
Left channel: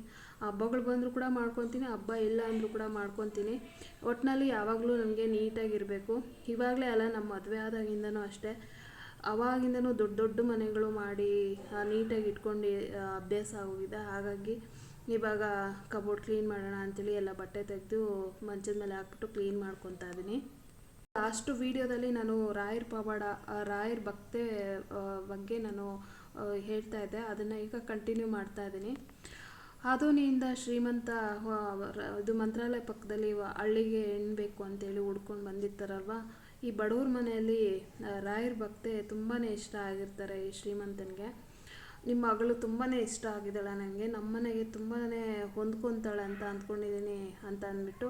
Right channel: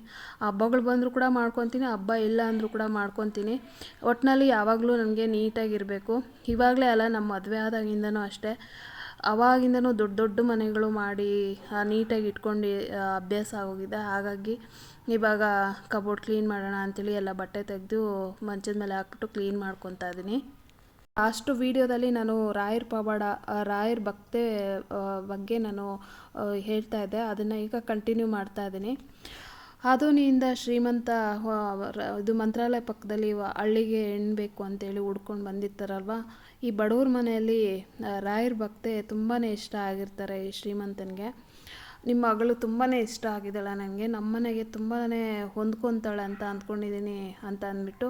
ಹಬ್ಬಗಳು ಬಂದರೂ ಕೂಡ ಮಾಡ್ಕೊತೀನಿ, ಹಬ್ಬ ಇಲ್ಲ ಅಂದರೂ ಕೂಡ ಮಾಡ್ಕೊತೀನಿ. ಒಟ್ಟಿನಲ್ಲಿ ಯಾವಾಗಲೂ ನನಗೆ ನೀಟಾಗಿರಬೇಕು. ಇವಾಗಲೇ ಅಲ್ಲ ನಮ್ಮ ಮದುವೆ ಆದಾಗಿಂದನೂ ಅಷ್ಟೇ. ಅವಾಗಿಂದನೂ ದೊಡ್ಡ ದೊಡ್ಡ ಮನೆಗಳು ಮಾಡಿ ನೀಟಾಗಿ ಇಟ್ಕೊಂಡು ಅಭ್ಯಾಸ ಆಗೋಗಿದೆ. ಹಾಗಾಗಿ ಇವಾಗ ಕಬೋರ್ಡ್ ಕ್ಲೀನ್ ಮಾಡೋಣ ಅಂತೇಳಿ ಎಲ್ಲ ಬಟ್ಟೆ ತೆಗೆದು ಮಂಚದ ಮೇಲೆ ಹಾಕ್ಬಿಟ್ಟು ಕ್ಲೀನ್ ಮಾಡ್ಕೊತಾ ಇದ್ದೀನಿ ಲಾಸ್ಟು ವೀಡಿಯೋದಲ್ಲಿ ನಾನು ರಾಯರ್ ಪವಾಡ ರಾಯರ್ ಭಕ್ತೆ ಬಗ್ಗೆ ನಾನು ಹೇಳ್ತಾ ಇದ್ದೆ. ಅದನ್ನು ಈಗ ಕಂಟಿನ್ಯೂ ಮಾಡ್ತಾ ಇದ್ದೀನಿ ಆಧುನಿಯಿಂದ ಶ್ರೀಮಂತ ಇದು ಮಂತ್ರಾಲಯ ಪಕ್ಕದಲ್ಲಿ ಹಳ್ಳಿಗೆ ಎಣ್ಬೇಕು ಬೇಕು ಅಂತೇಳಿ ಹುಡ್ಕೊಂಡು ಬಂದಿರ್ತಾರಲ್ವ? ಈ ಬಡವ್ರ ಮನೆಯಲ್ಲಿ ರಾಯರ್ ಭಕ್ತೆ ತುಂಬಾ ಇಷ್ಟ ಆಗಿರ್ತಾರೆ ಈ ಶ್ರೀಮಂತನಿಗೆ. ನಿಮ್ಮ ಮಗಳು ತುಂಬಾ ಇಷ್ಟ ಆಗಿದ್ದಾಳೆ ನನಗೆ ನಮ್ಮನೆಗೆ ತುಂಬಾ ಹೊಂದ್ಕೊತಾಳೆ ಅಂತ ಅಂದ್ಕೊಂಡಿದ್ದೀನಿ ಅಂತ ಅಂದ್ಬಿಟ್ಟು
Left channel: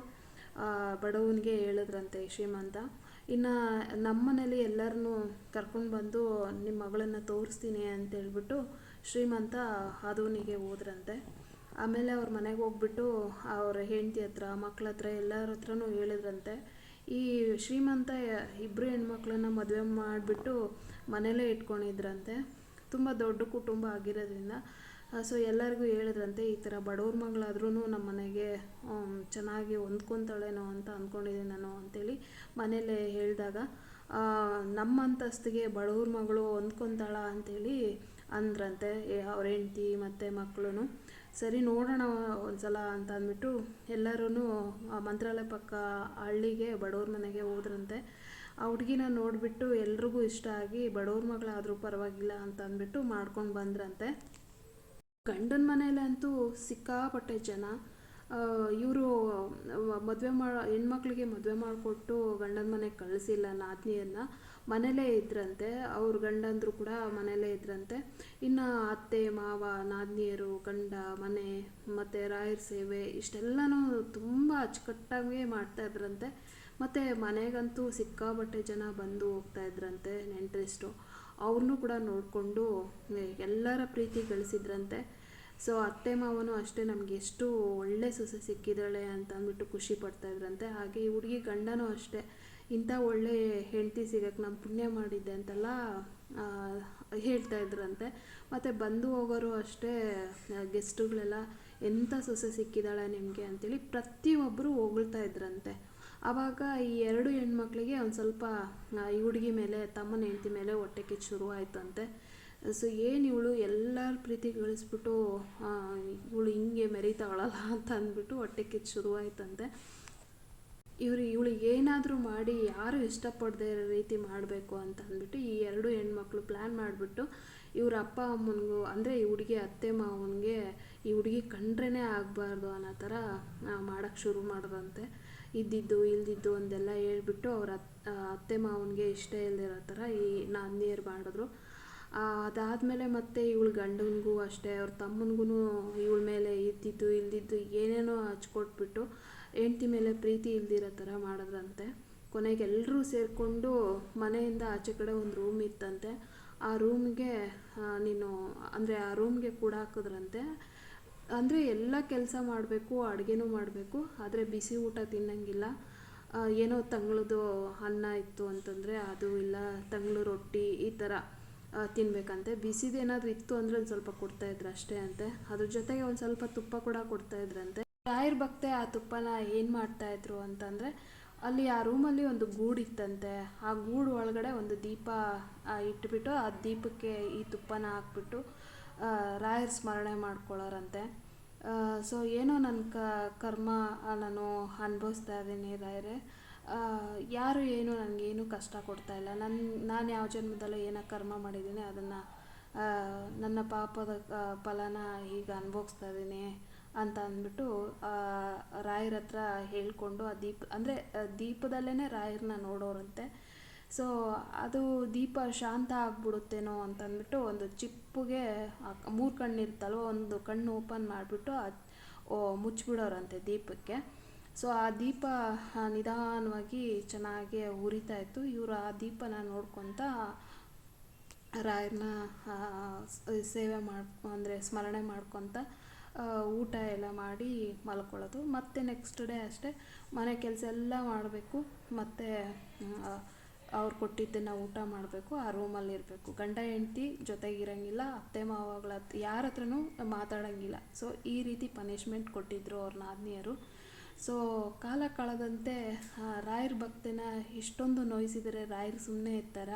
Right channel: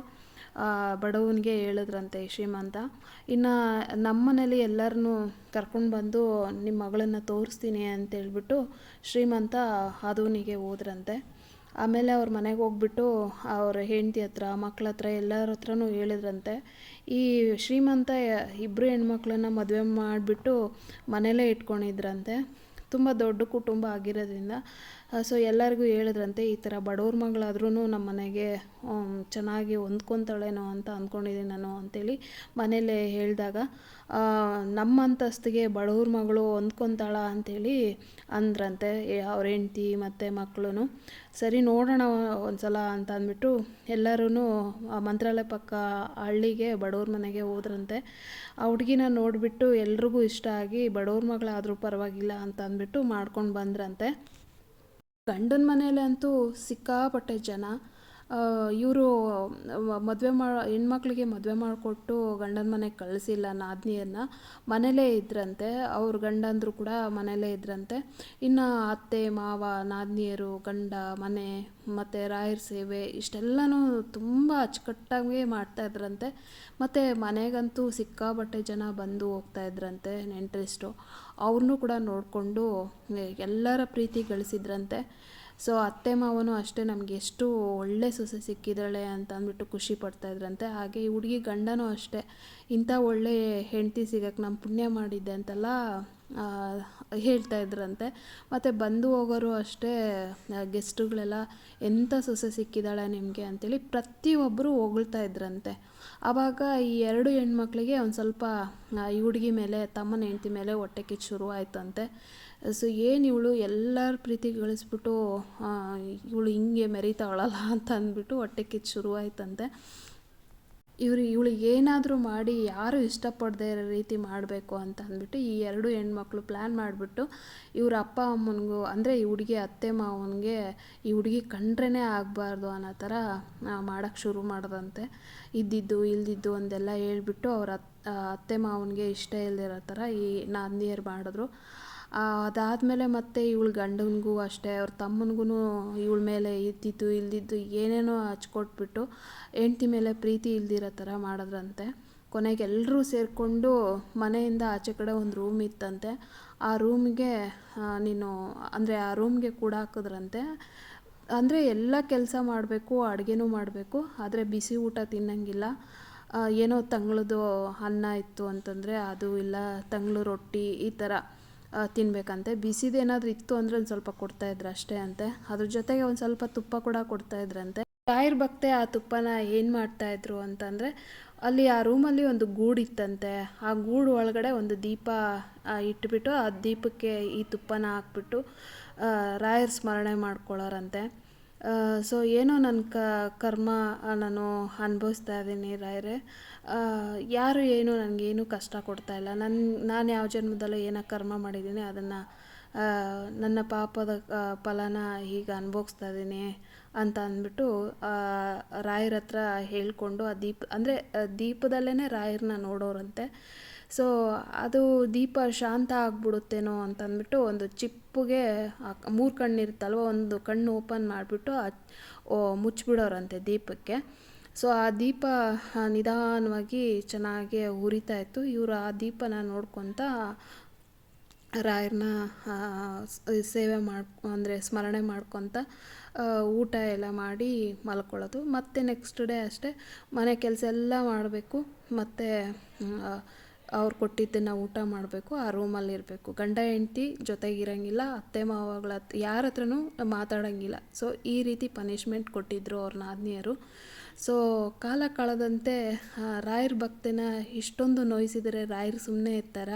ಬಡವನಿಗೆ ಹೇಳಿದ್ರಂತೆ ಶ್ರೀಮಂತ. ಇನ್ನು ನಮ್ಮನೇಲಿ ಎಲ್ಲರನ್ನೂ ಕರ್ಕೊಂಡು ಬಂದು ನಿಮ್ಮ ಮಗಳನ್ನು ತೋರಿಸ್ತೀನಿ ಅಂತ ಹೇಳ್ಬಿಟ್ಟು ಶ್ರೀಮಂತ ಅದೂನಿಗೆ ಹೋದ್ರಂತೆ. ಆಮೇಲೆ ಅವ್ರ ಮನೆಗೆ ಹೋಗ್ಬಿಟ್ಟು ಅವ್ರ ಹೆಂಡತಿ ಹತ್ರ, ಮಕ್ಳ ಹತ್ರ, ಎಲ್ಲರ ಹತ್ರನೂ ಹೇಳಿದ್ರಂತೆ. ಈ ಶ್ರೀಮಂತ ಇಬ್ಬರು ಹೆಣ್ಮಕ್ಳನ್ನ ಮದುವೆ ಮಾಡಿಬಿಟ್ಟು ಮನೇಲೇ ಇಟ್ಕೊಂಡಿದ್ರಂತೆ. ತುಂಬ ದೊಡ್ಡ ಕುಟುಂಬ ಆಗಿರೋದ್ರಿಂದ ಸೊ ಎಲ್ಲರಿಗೂ ಹೇಳಿದ್ರಂತೆ, ಈ ಥರ ಬಡವ್ರ ಮಗಳಾದ್ರೂ ನಮ್ಮ ಮನೆಗೆ ಚೆನ್ನಾಗಿ ಹೊಂದ್ಕೊತಾಳೇನೋ ಅಂತ ಅಂದ್ಕೊಂಡಿದ್ದೀನಿ ನಾನು ಅಂತೇಳಿ ಮನೆಯಲ್ಲೇ ಹೇಳಿದಾಗ ನಮ್ಮ ಅಂತಸ್ತಿಗೆ ಬಡವ್ರ ಮಗಳು ಹೊಂದ್ಕೊತಾಳ ಅಂಥೇಳಿ ಅಂದ್ರಂತೆ ಅವ್ರ ಹೆಂಡ್ತಿ ಮತ್ತು ಮಕ್ಕಳು ಸರಿ ನೋಡೋಣ ಒಂದ್ಸಲ ಅಂತ ಅಂದ್ಬಿಟ್ಟು ಎಲ್ಲರೂ ಮಂತ್ರಾಲಯ ಪಕ್ಕ ಹಳ್ಳಿಗೆ ಬಡವ್ರ ಮನೆಗೆ ಹೋದ್ರಂತೆ. ಆ ಹುಡುಗಿನ ನೋಡಿಬಿಟ್ಟು ಎಲ್ರಿಗೂ ಇಷ್ಟ ಆಗಿ ಬಡವ್ರ ಮಗಳಾದರೂ ಪರವಾಗಿಲ್ಲ ಅಂತ ಅಂದ್ಬಿಟ್ಟು ಮಾಡ್ಕೊಂಡು ಬಂದ್ರಂತೆ. ಗಂಡನ ಮನೇಲಿ ಅಂತೂ ಸಿಕ್ಕಾಪಟ್ಟೆ ಜನ. ಇವರು ಮದುವೆ ಮಾ, ಹೆಣ್ಮಕ್ಳಿಗೆ ಮದುವೆ ಮಾಡಿಕೊಟ್ಟು ಗಂಡನ ಮನೆಗೆ ಕಳಿಸಿಲ್ಲ ನಾದಿನಿಯನ್ನು ಮನೇಲೇ ಇದ್ರಂತೆ. ಅವ್ರ ಗಂಡಂದರು ಕೂಡ ಮನೇಲೇ ಇದ್ರಂತೆ. ಇನ್ನು ಅತ್ತೆ, ಮಾವ, ನಾದಿನಿಯರು, ಗಂಡ, ಮನೆ, ಮತ್ತು ರಾಯರ ಸೇವೆ ಇಷ್ಟೆಲ್ಲನೂ ತುಂಬ ಅಚ್ಚುಕಟ್ಟಾಗಿ ಮಾಡ್ತಾ ಇದ್ರಂತೆ. ಮತ್ತು ಮನೆಗಂತೂ ಸಿಕ್ಕಾಪಟ್ಟೆ ಜನ ಬಂದು ಹೋಗ್ತಾ ಇದ್ರಂತೆ ನೆಂಟ್ರಿಸ್ಟು. ಅವ್ರನ್ನೂ ಕೂಡ ನೋಡಿಕೊಂಡು ಎಲ್ಲರ ಪ್ರೀತಿ ಗಳಿಸಿದ್ರಂತೆ. ಸೊ, ಅತ್ತೆ ಮಾವನು ಅಷ್ಟೇ ನಮಗೆ ಎಷ್ಟು ಒಳ್ಳೆ ಸೊಸೆ ಸಿಕ್ಕಿದ್ದಾಳೆ ಅಂತ ಅಂದ್ಬಿಟ್ಟು ಖುಷಿ ಪಡ್ತಾ ಇದ್ರಂತೆ. ಹಾಗೆ ಈ ಹುಡುಗಿ ಗಂಡನೂ ಅಷ್ಟೇ. ಇಂಥ ಒಳ್ಳೆ ಹೆಂಡತಿ ಸಿಗಕ್ಕೆ ನಮ್ಮ ಪುಣ್ಯ ಮಾಡಿದ್ದೆ ಅಂತೆಲ್ಲ ಹೇಳ್ತಾ ಇದ್ರಂತೆ. ಮತ್ತು ಬಂದು ಹೋಗೋರು ಅಷ್ಟೇ ಗೆಸ್ಟುಗಳೆಲ್ಲ ಎಂಥ ಸೊಸೆ ಸಿಕ್ಕಿದ್ದಾಳೆ ನಿಮಗೆ? ಅಂತೇಳಿ ಪ್ರತಿಯೊಬ್ಬರು ಹೊಗಳ್ತಾ ಇದ್ರಂತೆ. ಆವಾಗ ಈ ಎರಡು ಹೆಣ್ಮಕ್ಳಿಗೆ ಒಂದು ಸ್ವಲ್ಪ ಈ ಹುಡುಗಿ ಮೇಲೆ, ತಮ್ಮನ ಹೆಂಡತಿ ಮೇಲೆ ಹೊಟ್ಟೆ ಕಿಚ್ಚು ಶುರು ಆಯ್ತಂತೆ ಸೊ ಏನು ಇವಳು ಎಲ್ಲರ ಪ್ರೀತಿ ಗಳಿಸ್ಬಿಟ್ಟು ಇವಳು ಹಿಂಗೆ ಮೆರಿತಾವಳಲ್ಲ ಅಂತ ಅಂದ್ಬಿಟ್ಟು ಹೊಟ್ಟೆ ಕಿಚ್ಚು ಶುರು ಆಯ್ತಂತೆ ಇವರು, ಇವಳು ಏನಾದರೂ ಮಾಡಿ ಯಾರು ಇಷ್ಟಪಡದೇ ಇರೋ ರೀತಿ ಮಾಡಬೇಕು ಅಂತ ಅಂದ್ಬಿಟ್ಟು ಈ ಎರಡು ಹೆಣ್ಮಕ್ಳು ಪ್ಲ್ಯಾನ್ ಮಾಡಿಬಿಟ್ಟು ಇವ್ರ ಅಪ್ಪ ಅಮ್ಮನಿಗೂ, ಅಂದರೆ ಈ ಹುಡುಗಿ ಅತ್ತೆ ಮಾವನಿಗೆ ಈ ಹುಡುಗಿ ಕಂಡ್ರೇ ಆಗಬಾರ್ದು ಅನ್ನೋ ಥರ ಮಾಡೋಕ್ಕೆ ಶುರು ಮಾಡ್ದಂತೆ. ಇದ್ದಿದ್ದು, ಇಲ್ದಿದ್ದು ಅಂದೆಲ್ಲ ಹೇಳ್ಬಿಟ್ಟು ಅವ್ರ ಅತ್ ಅತ್ತೆ ಮಾವನಿಗೆ ಇಷ್ಟ ಇಲ್ಲದಿರೋ ಥರ ಈ ನಾದಿನಿಯರು ಮಾಡಿದ್ರು. ಅದಾದಮೇಲೆ ಮತ್ತೆ ಇವಳು ಗಂಡನಿಗೂ ಅಷ್ಟೇ, ಅವ್ರ ತಮ್ಮನಿಗೂ ಇವಳ ಮೇಲೆ ಇದ್ದಿದ್ದು, ಇಲ್ದಿದ್ದು ಏನೇನೋ ಹಚ್ಕೊಟ್ಬಿಟ್ಟು ಹೆಂಡ್ತಿ ಮೇಲೆ ಪ್ರೀತಿ ಇಲ್ದಿರೋ ಥರ ಮಾಡಿದ್ರಂತೆ. ಕೊನೆಗೆ ಎಲ್ಲರೂ ಸೇರಿಕೊಂಡು ಮನೆಯಿಂದ ಆಚೆ ಕಡೆ ಒಂದು ರೂಮ್ ಇತ್ತಂತೆ. ಆ ರೂಮ್ಗೆ ನೀನು, ಅಂದರೆ ಆ ರೂಮ್ಗೆ ಕೂಡ ಹಾಕಿದ್ರಂತೆ. ಅಂದರೆ ಎಲ್ಲ ಕೆಲಸ ಮಾಡಬೇಕು, ಅಡುಗೆನೂ ಮಾಡಬೇಕು, ಆದರೆ ಬಿಸಿ ಊಟ ತಿನ್ನಂಗಿಲ್ಲ. ಏನೋ ತಂಗ್ಳದ್ದು ಅನ್ನ ಇತ್ತು ಅಂತಂದರೆ ಅದು ಇಲ್ಲ, ತಂಗ್ಳು ರೊಟ್ಟಿ ಈ ಥರ ತಿನ್ನಬೇಕಂತೆ ಬಿಸಿದೇನಾದರೂ ಇತ್ತು ಅಂದರೆ ಒಂದು ಸ್ವಲ್ಪ ಕೊಡ್ತಾಯಿದ್ರು ಅಷ್ಟೇ ಅಂತೆ. ಅದ್ರ ಜೊತೆಗೆ ಒಂದು ಸ್ವಲ್ಪ ತುಪ್ಪ ಕೂಡ ಕೊಡ್ತಾಯಿದ್ರಂತೆ ರಾಯರ್ ಭಕ್ತೆ ಆ ತುಪ್ಪನ ಏನು ಮಾಡ್ತಾಯಿದ್ರು ಅಂತಂದರೆ, ಅಲ್ಲಿ ಆ ರೂಮಲ್ಲಿ ಒಂದು ಗೂಡಿತ್ತಂತೆ ಆ ಗೂಡು ಒಳಗಡೆ ಒಂದು ದೀಪ ಇಟ್ಬಿಟ್ಟು ಆ ದೀಪಕ್ಕೆ ಈ ತುಪ್ಪನ ಹಾಕ್ಬಿಟ್ಟು ರಾಯರ ಸ್ಮರಣೆ ಮಾಡ್ಕೊಳ್ಳೋರಂತೆ. ಸೊ ಏನೋ ನನ್ನ ಕ, ಕರ್ಮ ನಾನು ಅನುಭವಿಸ್ತಾ ಇದ್ದೀನಿ ರಾಯರೇ. ಯಾರು ಏನು ನನಗೇನು ಕಷ್ಟ ಕೊಡ್ತಾ ಇಲ್ಲ. ನನ್ನ ನಾನು ಯಾವ ಜನ್ಮದಲ್ಲೂ ಏನೋ ಕರ್ಮ ಮಾಡಿದ್ದೀನಿ ಅದನ್ನು ನನ್ನ ಪಾಪದ ಫಲನ ಈಗ ಅನುಭವಿಸ್ತಾ ಇದ್ದೀನಿ ಅಂತ ಅಂದ್ಬಿಟ್ಟು ರಾಯರ ಹತ್ರ ಹೇಳ್ಕೊಂಡು ಆ ದೀಪ, ಅಂದರೆ ದೀಪದಲ್ಲೇ ರಾಯರನ್ನ ನೋಡೋರಂತೆ. ಸೊ ಅದು ದೀಪ ಶಾಂತ ಆಗ್ಬಿಡುತ್ತೇನೋ ಅಂತ ಅಂದ್ಬಿಟ್ಟು ಒಂದು ಚಿಪ್ಪುಗೆ ಮೂರು ಕಣ್ಣಿರುತ್ತಲ್ವ, ಒಂದು ಕಣ್ಣು ಓಪನ್ ಮಾಡಿಬಿಟ್ಟು ಮುಚ್ಚಿಬಿಡೋರಂತೆ ದೀಪಕ್ಕೆ. ಸೊ ಆ ದೀಪ ನಿಧಾನವಾಗಿ ಚೆನ್ನಾಗಿ ಉರಿತಾ ಇತ್ತು. ಇವರು ಆ ದೀಪನ ನೋಡ್ಕೊತ ರಾಯರನ್ನ ಸೇವೆ ಮಾಡ್ ಅಂದರೆ ಸ್ಮರಣೆ ಮಾಡ್ಕೊತ ಊಟ ಎಲ್ಲ ಮಾಡಿ ಮಲ್ಕೊಳ್ಳೋದು. ಮತ್ತು ನೆಕ್ಸ್ಟ್ ಡೇ ಅಷ್ಟೇ ಮನೆ ಕೆಲಸ ಎಲ್ಲ ಮಾಡಬೇಕು. ಮತ್ತು ಅವ್ರು ಕೊಟ್ಟಿದ್ದನ್ನು ಊಟ ಮಾಡಬೇಕು, ಆ ರೂಮಲ್ಲಿ ಇರಬೇಕು ಗಂಡ ಹೆಂಡ್ತಿ ಜೊತೆಗಿರಂಗಿಲ್ಲ, ಅತ್ತೆ ಮಾವಗಳ ಯಾರ ಹತ್ರನೂ ಮಾತಾಡೋಂಗಿಲ್ಲ. ಸೊ ಈ ರೀತಿ ಪನಿಷ್ಮೆಂಟ್ ಕೊಟ್ಟಿದ್ದರು ಅವ್ರ ನಾದಿನಿಯರು. ಸೊ ಕಾಲ ಕಳೆದಂತೆ ರಾಯರ ಭಕ್ತನ ಇಷ್ಟೊಂದು ನೋಯಿಸಿದರೆ ರಾಯರು ಸುಮ್ಮನೆ ಇರ್ತಾರ?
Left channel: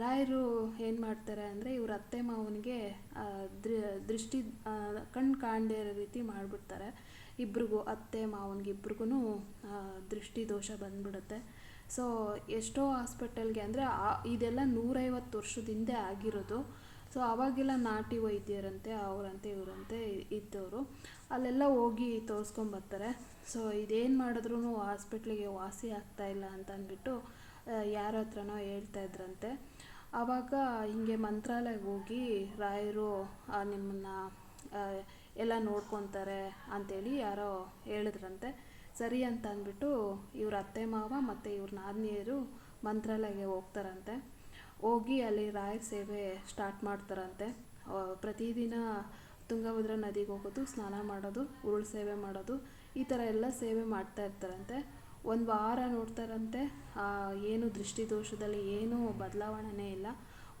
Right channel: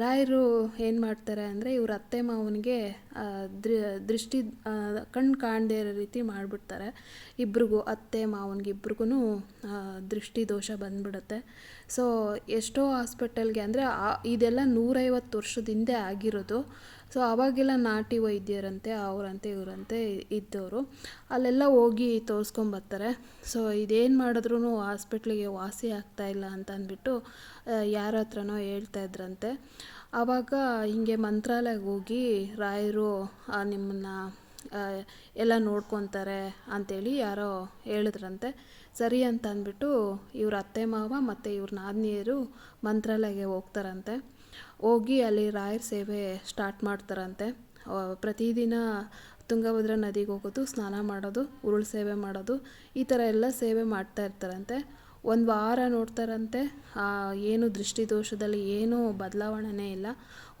ರಾಯರು ಏನು ಮಾಡ್ತಾರೆ ಅಂದರೆ, ಇವ್ರ ಅತ್ತೆ ಮಾವನಿಗೆ ದೃಷ್ಟಿ ಕಣ್ಣು ಕಾಣದೇ ಇರೋ ರೀತಿ ಮಾಡಿಬಿಡ್ತಾರೆ. ಇಬ್ರಿಗೂ, ಅತ್ತೆ ಮಾವನಿಗೆ ಇಬ್ರಿಗೂ ದೃಷ್ಟಿ ದೋಷ ಬಂದ್ಬಿಡುತ್ತೆ. ಸೊ ಎಷ್ಟೋ ಹಾಸ್ಪಿಟಲ್ಗೆ ಅಂದರೆ ಇದೆಲ್ಲ ನೂರೈವತ್ತು ವರ್ಷದ ಹಿಂದೆ ಆಗಿರೋದು. ಸೊ ಅವಾಗೆಲ್ಲ ನಾಟಿ ವೈದ್ಯರಂತೆ, ಅವರಂತೆ, ಇವರಂತೆ ಇದ್ದವರು. ಅಲ್ಲೆಲ್ಲ ಹೋಗಿ ತೋರಿಸ್ಕೊಂಬರ್ತಾರೆ ಸೊ ಇದೇನು ಮಾಡಿದ್ರೂ ಹಾಸ್ಪಿಟ್ಲಿಗೆ ವಾಸಿ ಆಗ್ತಾ ಇಲ್ಲ ಅಂತ ಅಂದ್ಬಿಟ್ಟು ಯಾರ ಹತ್ರನೋ ಹೇಳ್ತಾ ಇದ್ರಂತೆ. ಆವಾಗ ಹಿಂಗೆ ಮಂತ್ರಾಲಯಕ್ಕೆ ಹೋಗಿ ರಾಯರು ನಿಮ್ಮನ್ನು ಎಲ್ಲ ನೋಡ್ಕೊತಾರೆ ಅಂಥೇಳಿ ಯಾರೋ ಹೇಳಿದ್ರಂತೆ. ಸರಿ ಅಂತ ಅಂದ್ಬಿಟ್ಟು ಇವ್ರ ಅತ್ತೆ ಮಾವ ಮತ್ತು ಇವ್ರ ನಾದಿನಿಯರು ಮಂತ್ರಾಲಯಕ್ಕೆ ಹೋಗ್ತಾರಂತೆ. ಹೋಗಿ ಅಲ್ಲಿ ರಾಯರ ಸೇವೆ ಸ್ಟಾರ್ಟ್ ಮಾಡ್ತಾರಂತೆ. ಪ್ರತಿದಿನ ತುಂಗಭದ್ರಾ ನದಿಗೆ ಹೋಗೋದು, ಸ್ನಾನ ಮಾಡೋದು, ಉರುಳು ಸೇವೆ ಮಾಡೋದು, ಈ ಥರ ಎಲ್ಲ ಸೇವೆ ಮಾಡ್ತಾ ಇರ್ತಾರಂತೆ. ಒಂದು ವಾರ ನೋಡ್ತಾರಂತೆ. ಏನು ದೃಷ್ಟಿದೋಷದಲ್ಲಿ ಏನೂ ಬದಲಾವಣೆನೇ ಇಲ್ಲ.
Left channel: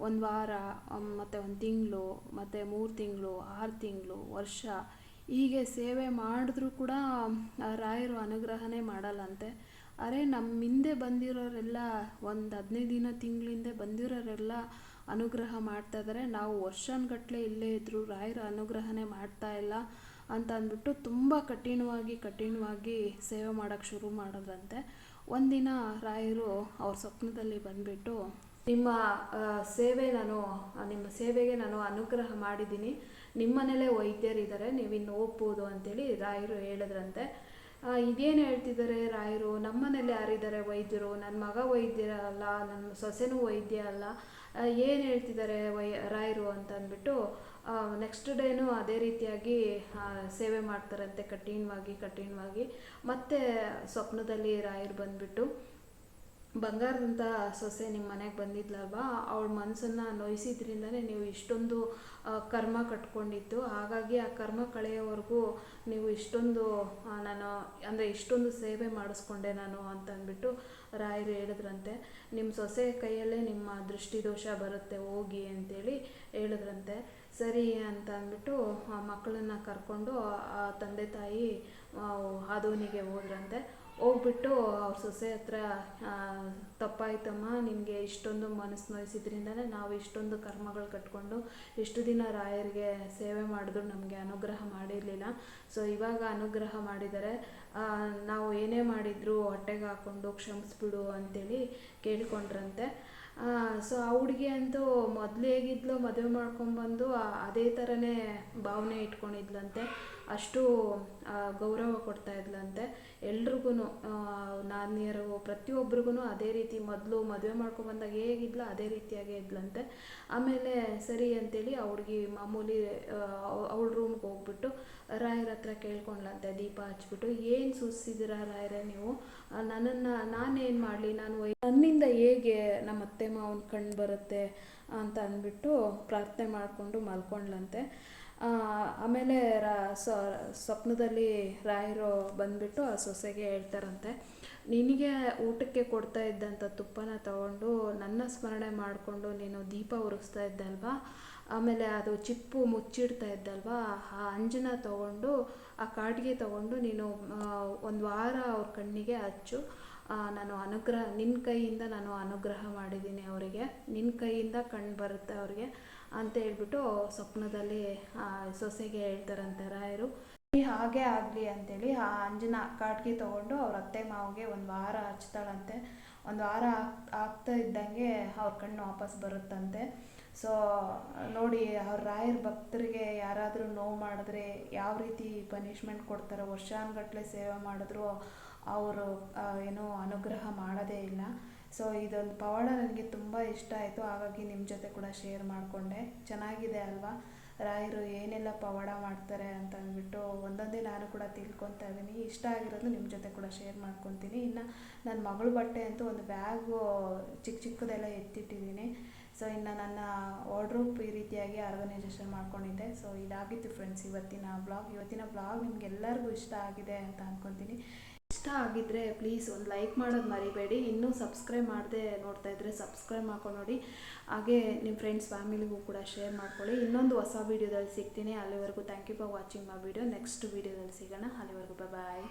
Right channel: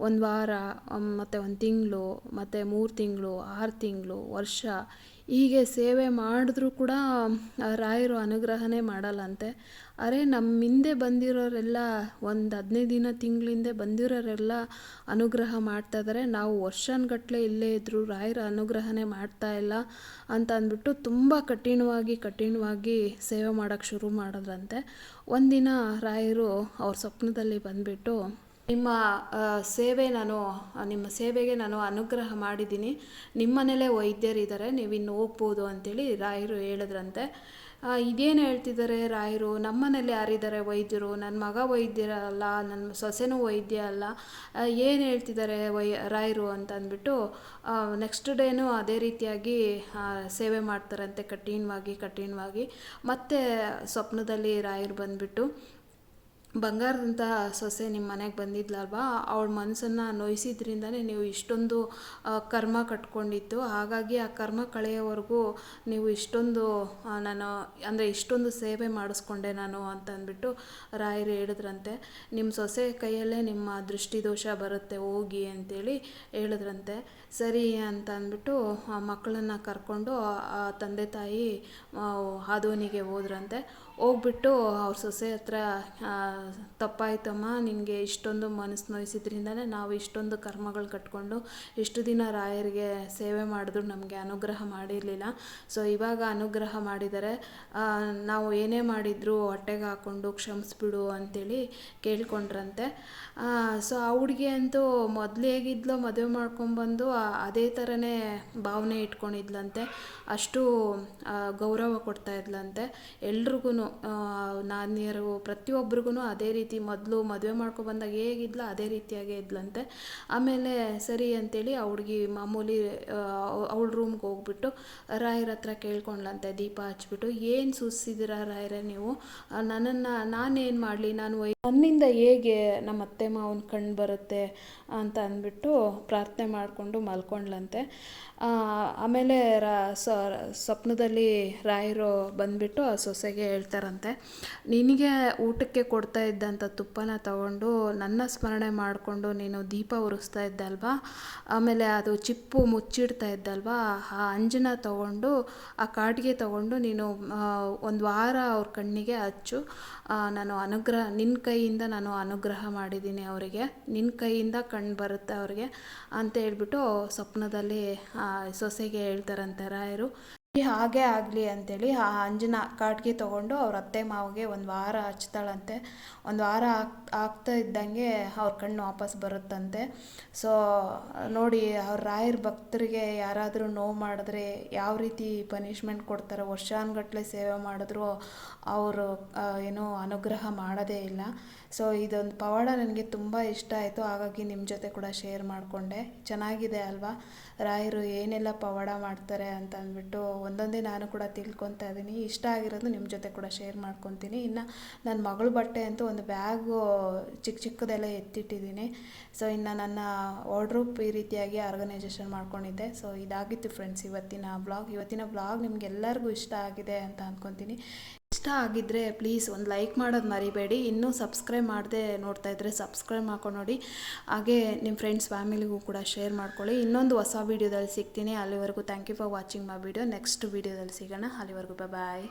ಒಂದು ವಾರ ಮತ್ತು ಒಂದು ತಿಂಗಳು, ಮತ್ತು ಮೂರು ತಿಂಗಳು, ಆರು ತಿಂಗಳು, ವರ್ಷ ಹೀಗೆ ಸೇವೆ ಮಾಡಿದ್ರೂ ಕೂಡ ರಾಯರು ಅನುಗ್ರಹನೇ ಮಾಡಲ್ಲಂತೆ. ಅರೆ ನಮ್ಮ ಹಿಂದೆ ಬಂದಿರೋರೆಲ್ಲ ಒಂದು ಹದಿನೈದು ದಿನ ತಿಂಗಳಿಂದೆ ಬಂದಿರೋರೆಲ್ಲ ಅನುಗ್ರಹ ಮಾಡ್ತಾ ಇದ್ದಾರೆ ನಾವು ವರ್ಷಾನುಗಟ್ಲೆ ಇಲ್ಲೇ ಇದ್ದರೂ ರಾಯರ ಅನುಗ್ರಹನೇ ಮಾಡ್ತಾ ಇಲ್ಲ ಅಂತ ಅಂದ್ಬಿಟ್ಟು ತುಂಬ ಕಠಿಣವಾಗಿ ಕಠಿಣವಾಗಿ ಸೇವೆ ಮಾಡೋಕ್ಕೆ ಶುರು ಮಾಡಿದ್ರಂತೆ. ಒಂದಿನ ರಾಯರು ಅವ್ರ ಸ್ವಪ್ನದಲ್ಲಿ ಬಂದುಬಿಟ್ಟು ನಿಮ್ಮ ಸೇವೆ ನಾನು ನಿಮ್ಮ ಸೇವೆಗೆ ನಾನು ಅನುಗ್ರಹ ಮಾಡಿದ್ದೀನಿ. ನಿಮ್ಮನೇಲೇ ವೈದ್ಯರಿದ್ದಾರೆ ನೀವು ಇನ್ನು ಅಂತೇಳಿ ರಾಯರು ಹೇಳಿದ್ರಂತೆ. ಇದೇನು ಹೇಳ್ತಿದ್ದಾರೆ ರಾಯರು? ನಮ್ಮನೇಲೆ ಯಾರಿದ್ದಾರೆ ವೈದ್ಯರು? ನನ್ನ ಮಗ ವೈದ್ಯರಲ್ಲ ನನ್ನ ಸೊಸೆನೂ ವೈದ್ಯ ಅಲ್ಲ. ಏನು ಹೇಳ್ತಿದ್ದಾರೆ ವೈ, ರಾಯರು ಅಂತ ಅಂದ್ಬಿಟ್ಟು ನೆಕ್ಸ್ಟ್ ಡೇನೂ ಅದೇ ರೀತಿಯಾಗಿ ಸೇವೆ ಮಾಡ್ತಾರಂತೆ ಕಠಿಣವಾಗಿ ಕಠಿಣವಾಗಿ. ಮತ್ತೆ ಸ್ವಪ್ನದಲ್ಲಿ ರಾಯರು ಬಂದುಬಿಟ್ಟು ಬಂಗಾರದಂಥ ಸೊಸೆ ನಿಮ್ಮ ಮನೆಗೆ ಬಂದಿದ್ಲಲ್ವಾ? ಅವಳ ಮನಸ್ಸನ್ನು ನೋಯಿಸಿದ್ರಿಂದನೇ ನೀವು ಇಷ್ಟೊಂದು ಕರ್ಮ ಕಟ್ಕೊಂಡಿದ್ದು. ಹಾಗಾಗಿ ಆ ಕರ್ಮ ಕಳೆಯೋವರೆಗೂ ನೀವು ಇಷ್ಟೊಂದು ನಾನು ಅಂದರೆ ಇಷ್ಟೊಂದು ಸೇವೆ ಮಾಡಿಸ್ಕೊಂಡೆ ನಾನು ಅಂತ ಅಂದ್ಬಿಟ್ಟು ರಾಯರು ಹೇಳಿದ್ರಂತೆ. ನಿಮ್ಮ ಸೊಸೆ ಕೈಯಲ್ಲೇ ನಿಮ್ಮ ದೃಷ್ಟಿದೋಷ ಬರುತ್ತೆ ಹೋಗಿ ಅಂತೇಳಿ ಹೇಳಿದ್ರಂತೆ. ಸರಿ ಅಂತ ಅಂದ್ಬಿಟ್ಟು ಆ ಮಕ್ಕಳನ್ನು ಕರ್ಕೊಂಡು ಆ ತಂದೆ ತಾಯಿ ಆ, ಹಾದೋನಿಗೆ ಹೋದ್ರಂತೆ. ಹೋಗ್ಬಿಟ್ಟು ಅವ್ರ ಸೊಸೆ ಹತ್ರ ತಪ್ಪಾಯ್ತಮ್ಮ, ನಿನಗೆ ಇಷ್ಟೊಂದು ಮನಸ್ಸು ನೋಯಿಸಿದ್ರಿಂದನೇ ನಾವು ಇಷ್ಟೊಂದು ಕರ್ಮಗಳು ಕಟ್ಕೊಂಡು ಇಷ್ಟು ದಿನ ರಾಯರಿಗೆ ಸೇವೆ ಮಾಡಿದ್ರು, ನಮಗೆ ಅನುಗ್ರಹ ಮಾಡಿರಲಿಲ್ಲ. ಸೊ ಇವಾಗ ಅನುಗ್ರಹ ಮಾಡಿದರೆ ನಾವು ಏನೇ ಮಾಡಿದ್ರು ಹೊಟ್ಟೆಗೆ ಹಾಕ್ಕೊಂಡು ಕ್ಷಮಿಸ್ಬಿಡು ಅಂತೇಳಿ ಕೇಳ್ಕೊಂಡ್ರಂತೆ. ಸೊ ಆ ಹುಡುಗಿ ಅಂತೂ ಮೊದಲು ಹೇಗಿದ್ಲೋ, ಮದುವೆ ಮಾಡ್ಕೊಂಬಂದು ಆ- ಅದೇ ಥರನೇ ಭಾವನೆ ಇಟ್ಕೊಂಡಿದ್ಲಂತೆ. ಅಷ್ಟು ಗೌರವ ಕೊಡ್ತಾ ಇದ್ಲಂತೆ. ಎಲ್ರಿಗೂ ನಾನಿಯರು ಪ್ರತಿಯೊಬ್ರಿಗೂ ಅದೇ ರೀತಿ ಮೊದಲು ಮದುವೆ ಮಾಡ್ಕೊ ಬಂದಾಗ ಹೇಗಿದ್ಲು ಅದೇ ರೀತಿಯಾಗೇ ಇದ್ಲಂತೆ. ಆಮೇಲೆ ಸರಿ ಅಂತೇಳಿ ಆ ಮಾಮೂಲಿ ಅವಳ ರೂಮ್ಗೆ ಹೋಗ್ಬಿಟ್ಟು ರಾಯರ ಹತ್ರ ಕೇಳ್ಕೊಂಡ್ಲಂತೆ, ದೀಪ ಹಚ್ಬಿಟ್ಟು, ಏನು ಸುಸ್ಸಿದಿರ ರಾಯರೇ ನೀವು? ನನ್ನನ್ನು ನಾನೇನು ಮಾಡಲಿ? ನಾನು ನನ್ನಿಂದ ಹೇಗೆ ನಮ್ಮ ಅತ್ತೆ ಮಾವನ ಕಣ್ಣು ಬರುತ್ತೆ ಅಂತ ಅಂದ್ಬಿಟ್ಟು ಪ್ರಾರ್ಥನೆ ಮಾಡಿಕೊಂಡು ಮಲ್ಕೊಂಡ್ಲಂತೆ. ಆಮೇಲೆ ರಾ ಸ್ವಪ್ನದಲ್ಲಿ ರಾಯರು ಬಂದುಬಿಟ್ಟು ಆ ಸೊಸೆಗೆ ಹೇಳ್ತಾರಂತೆ, ನಿನಗೆ ಊಟಕ್ಕೆ ಕೊಡ್ತಾ ಇದ್ದಂಥ ತುಪ್ಪನ ತಗೊಂಡು ನನ್ನ ಸ್ಮರಣೆ ಮಾಡಿಕೊಂಡು ನೀನು ದೀಪ ಉರಿಸ್ತಾ ಇದ್ದಲ್ವಾ? ಆಮೇಲೆ ಅದು ಚಿಪ್ಪು ಮುಚ್ಚಿಡ್ತಾ ಇದ್ದಲ್ವಾ? ಆ ಅಂಜನ ತಗೊಂಡು, ಆ ಕಾಟಿಗೆ ತಗೊಂಡು ನೀನು ಒಂದು ವಾರ ಅವ್ರ ಕಣ್ಣಿಗೆ ಹಚ್ಚು. ನಾನು ಅನುಗ್ರಹ ನಿನ್ನ ಕೈಯಿಂದ ನಾನು ಅನುಗ್ರಹ ಮಾಡಿದ್ದೀನಿ ಅವರಿಗೆ. ನಿನ್ನ ಕೈಯಿಂದ ಕಣ್ಣು ಬರುತ್ತೆ ಅವ್ರಿಗೆ ಅಂತ ಹೇಳ್ಬಿಟ್ಟು ಸ್ವಪ್ನದಲ್ಲಿ ಸೊಸೆಗೆ ಹೇಳ್ತಾರಂತೆ, ರಾಯರು. ಹಾಗೆ ಆಗಲಿ ಅಂತೇಳಿ ಆ ಅಂಜನ ಕಾಟ್ಗೆ ತೊಗೊಂಡು ಅವ್ರ ಅತ್ತೆ ಮಾವಿಗೆ ಒಂದು ವಾರ ಹಚ್ತಾಳಂತೆ. ಒಂದು ವಾರ ಆಗ್, ಆಗ್ತಾ ಇದ್ದಂಗೆ ಅವ್ರ ಕಣ್ಣು ವಾಪಸ್ ಬರುತ್ತಂತೆ. ಸೊ ನೋಡಿ ಅವ್ರ ರಾಯರ ಭಕ್ತರಿಗೆ ಯಾರಾದರೂ ನೋವು ಮಾಡಿದ್ರೆ ಯಾವ ರೀತಿ ಪನಿಷ್ಮೆಂಟ್ ಕೊಡ್ತಾರೆ, ವರ್ಷಾನುಗಟ್ಲೆ ಸೇವೆ ಮಾಡಿದ್ರು ಅವರು ಏನೋ ಅನುಗ್ರಹ ಮಾಡೋದೇ ಇಲ್ಲ. ಸೊ ಇದೊಂದು ಪವಾಡ ನನಗೆ ತುಂಬ ಇಷ್ಟ ಆಯಿತು. ಹಾಗಾಗಿ ನಿಮ್ಮ ಜೊತೆ ಕೂಡ ಶೇರ್ ಮಾಡಿಕೊಂಡೆ. ಚೆನ್ನಾಗಿದೆ ಅಲ್ವಾ? ರಾಯರು ಏನೆಲ್ಲ ಪವಾಡ ಮಾಡ್ತಾರೆ ಅಂತ ಅಂದ್ಬಿಟ್ಟು ಒಂದೊಂದೇ ನಾನು ಕೂಡ ತಿಳ್ಕೊತಾ ಇದ್ದೀನಿ ಇಷ್ಟ ಆಗಿರೋದು ನಿಮ್ಮ ಜೊತೆ ಕೂಡ ಶೇರ್ ಮಾಡ್ಕೊತೀನಿ. ಇನ್ನು ನನ್ನ ಮಗಳ ಬಟ್ಟೆ ಅಂತೂ ಒಂದು ಬ್ಯಾಗು ಚಿಕ್ಕ ಚಿಕ್ಕದೆಲ್ಲ ಎತ್ತಿಟ್ಟಿದ್ದೀನಿ ಸೊ ಇನ್ನು ನನ್ನ ವಾರ್ಡ್ರೂಪ್ ಈ ರೀತಿಯಾಗಿ ಆರ್ಗನೈಸೇಷನ್ ಮಾಡ್ಕೊಂಡಿದ್ದೆ. ಸೊ ಇದಾಗಿತ್ತು ಫ್ರೆಂಡ್ಸ್ ಇವತ್ತಿನ ಬ್ಲಾಗ್ ಇವತ್ತಿನ ಬ್ಲಾಗ್ ನಿಮ್ಗೆಲ್ಲರಿಗೂ ಇಷ್ಟ ಆಗಿದೆ ಅಂತ ಅಂದ್ಕೊತೀನಿ ಇಷ್ಟ ಆಗಿದ್ದರೆ ಪ್ಲೀಸ್ ಒಂದು ಲೈಕ್ ಮಾಡೋದು ಮರಿಬೇಡಿ. ಇನ್ನೂ ಸಬ್ಸ್ಕ್ರೈಬ್ ಮಾಡದೆ ನೋಡ್ತಾ ಇದ್ದರೆ ಸಬ್ಸ್ಕ್ರೈಬ್ ಮಾಡ್ಕೊಂಡು ನೋಡಿ. ಹಾಗೆ ನಿಮ್ಮ ಫ್ರೆಂಡ್ಸ್ ಫ್ಯಾಮಿಲಿಗೂ ಕೂಡ ಶೇರ್ ಮಾಡ್ಕೊಳ್ಳಿ. ಇನ್ನೊಂದು ಹೊಸ ವೀಡಿಯೋದಲ್ಲಿ ಸಿಗ್ತೀನಿ. ಅಲ್ಲಿವರೆಗೂ thank you for watching my video next ವೀಡಿಯೋದಲ್ಲಿ ಸಿಗೋಣ. ಅಲ್ಲಿವರೆಗೂ ಬಾಯ್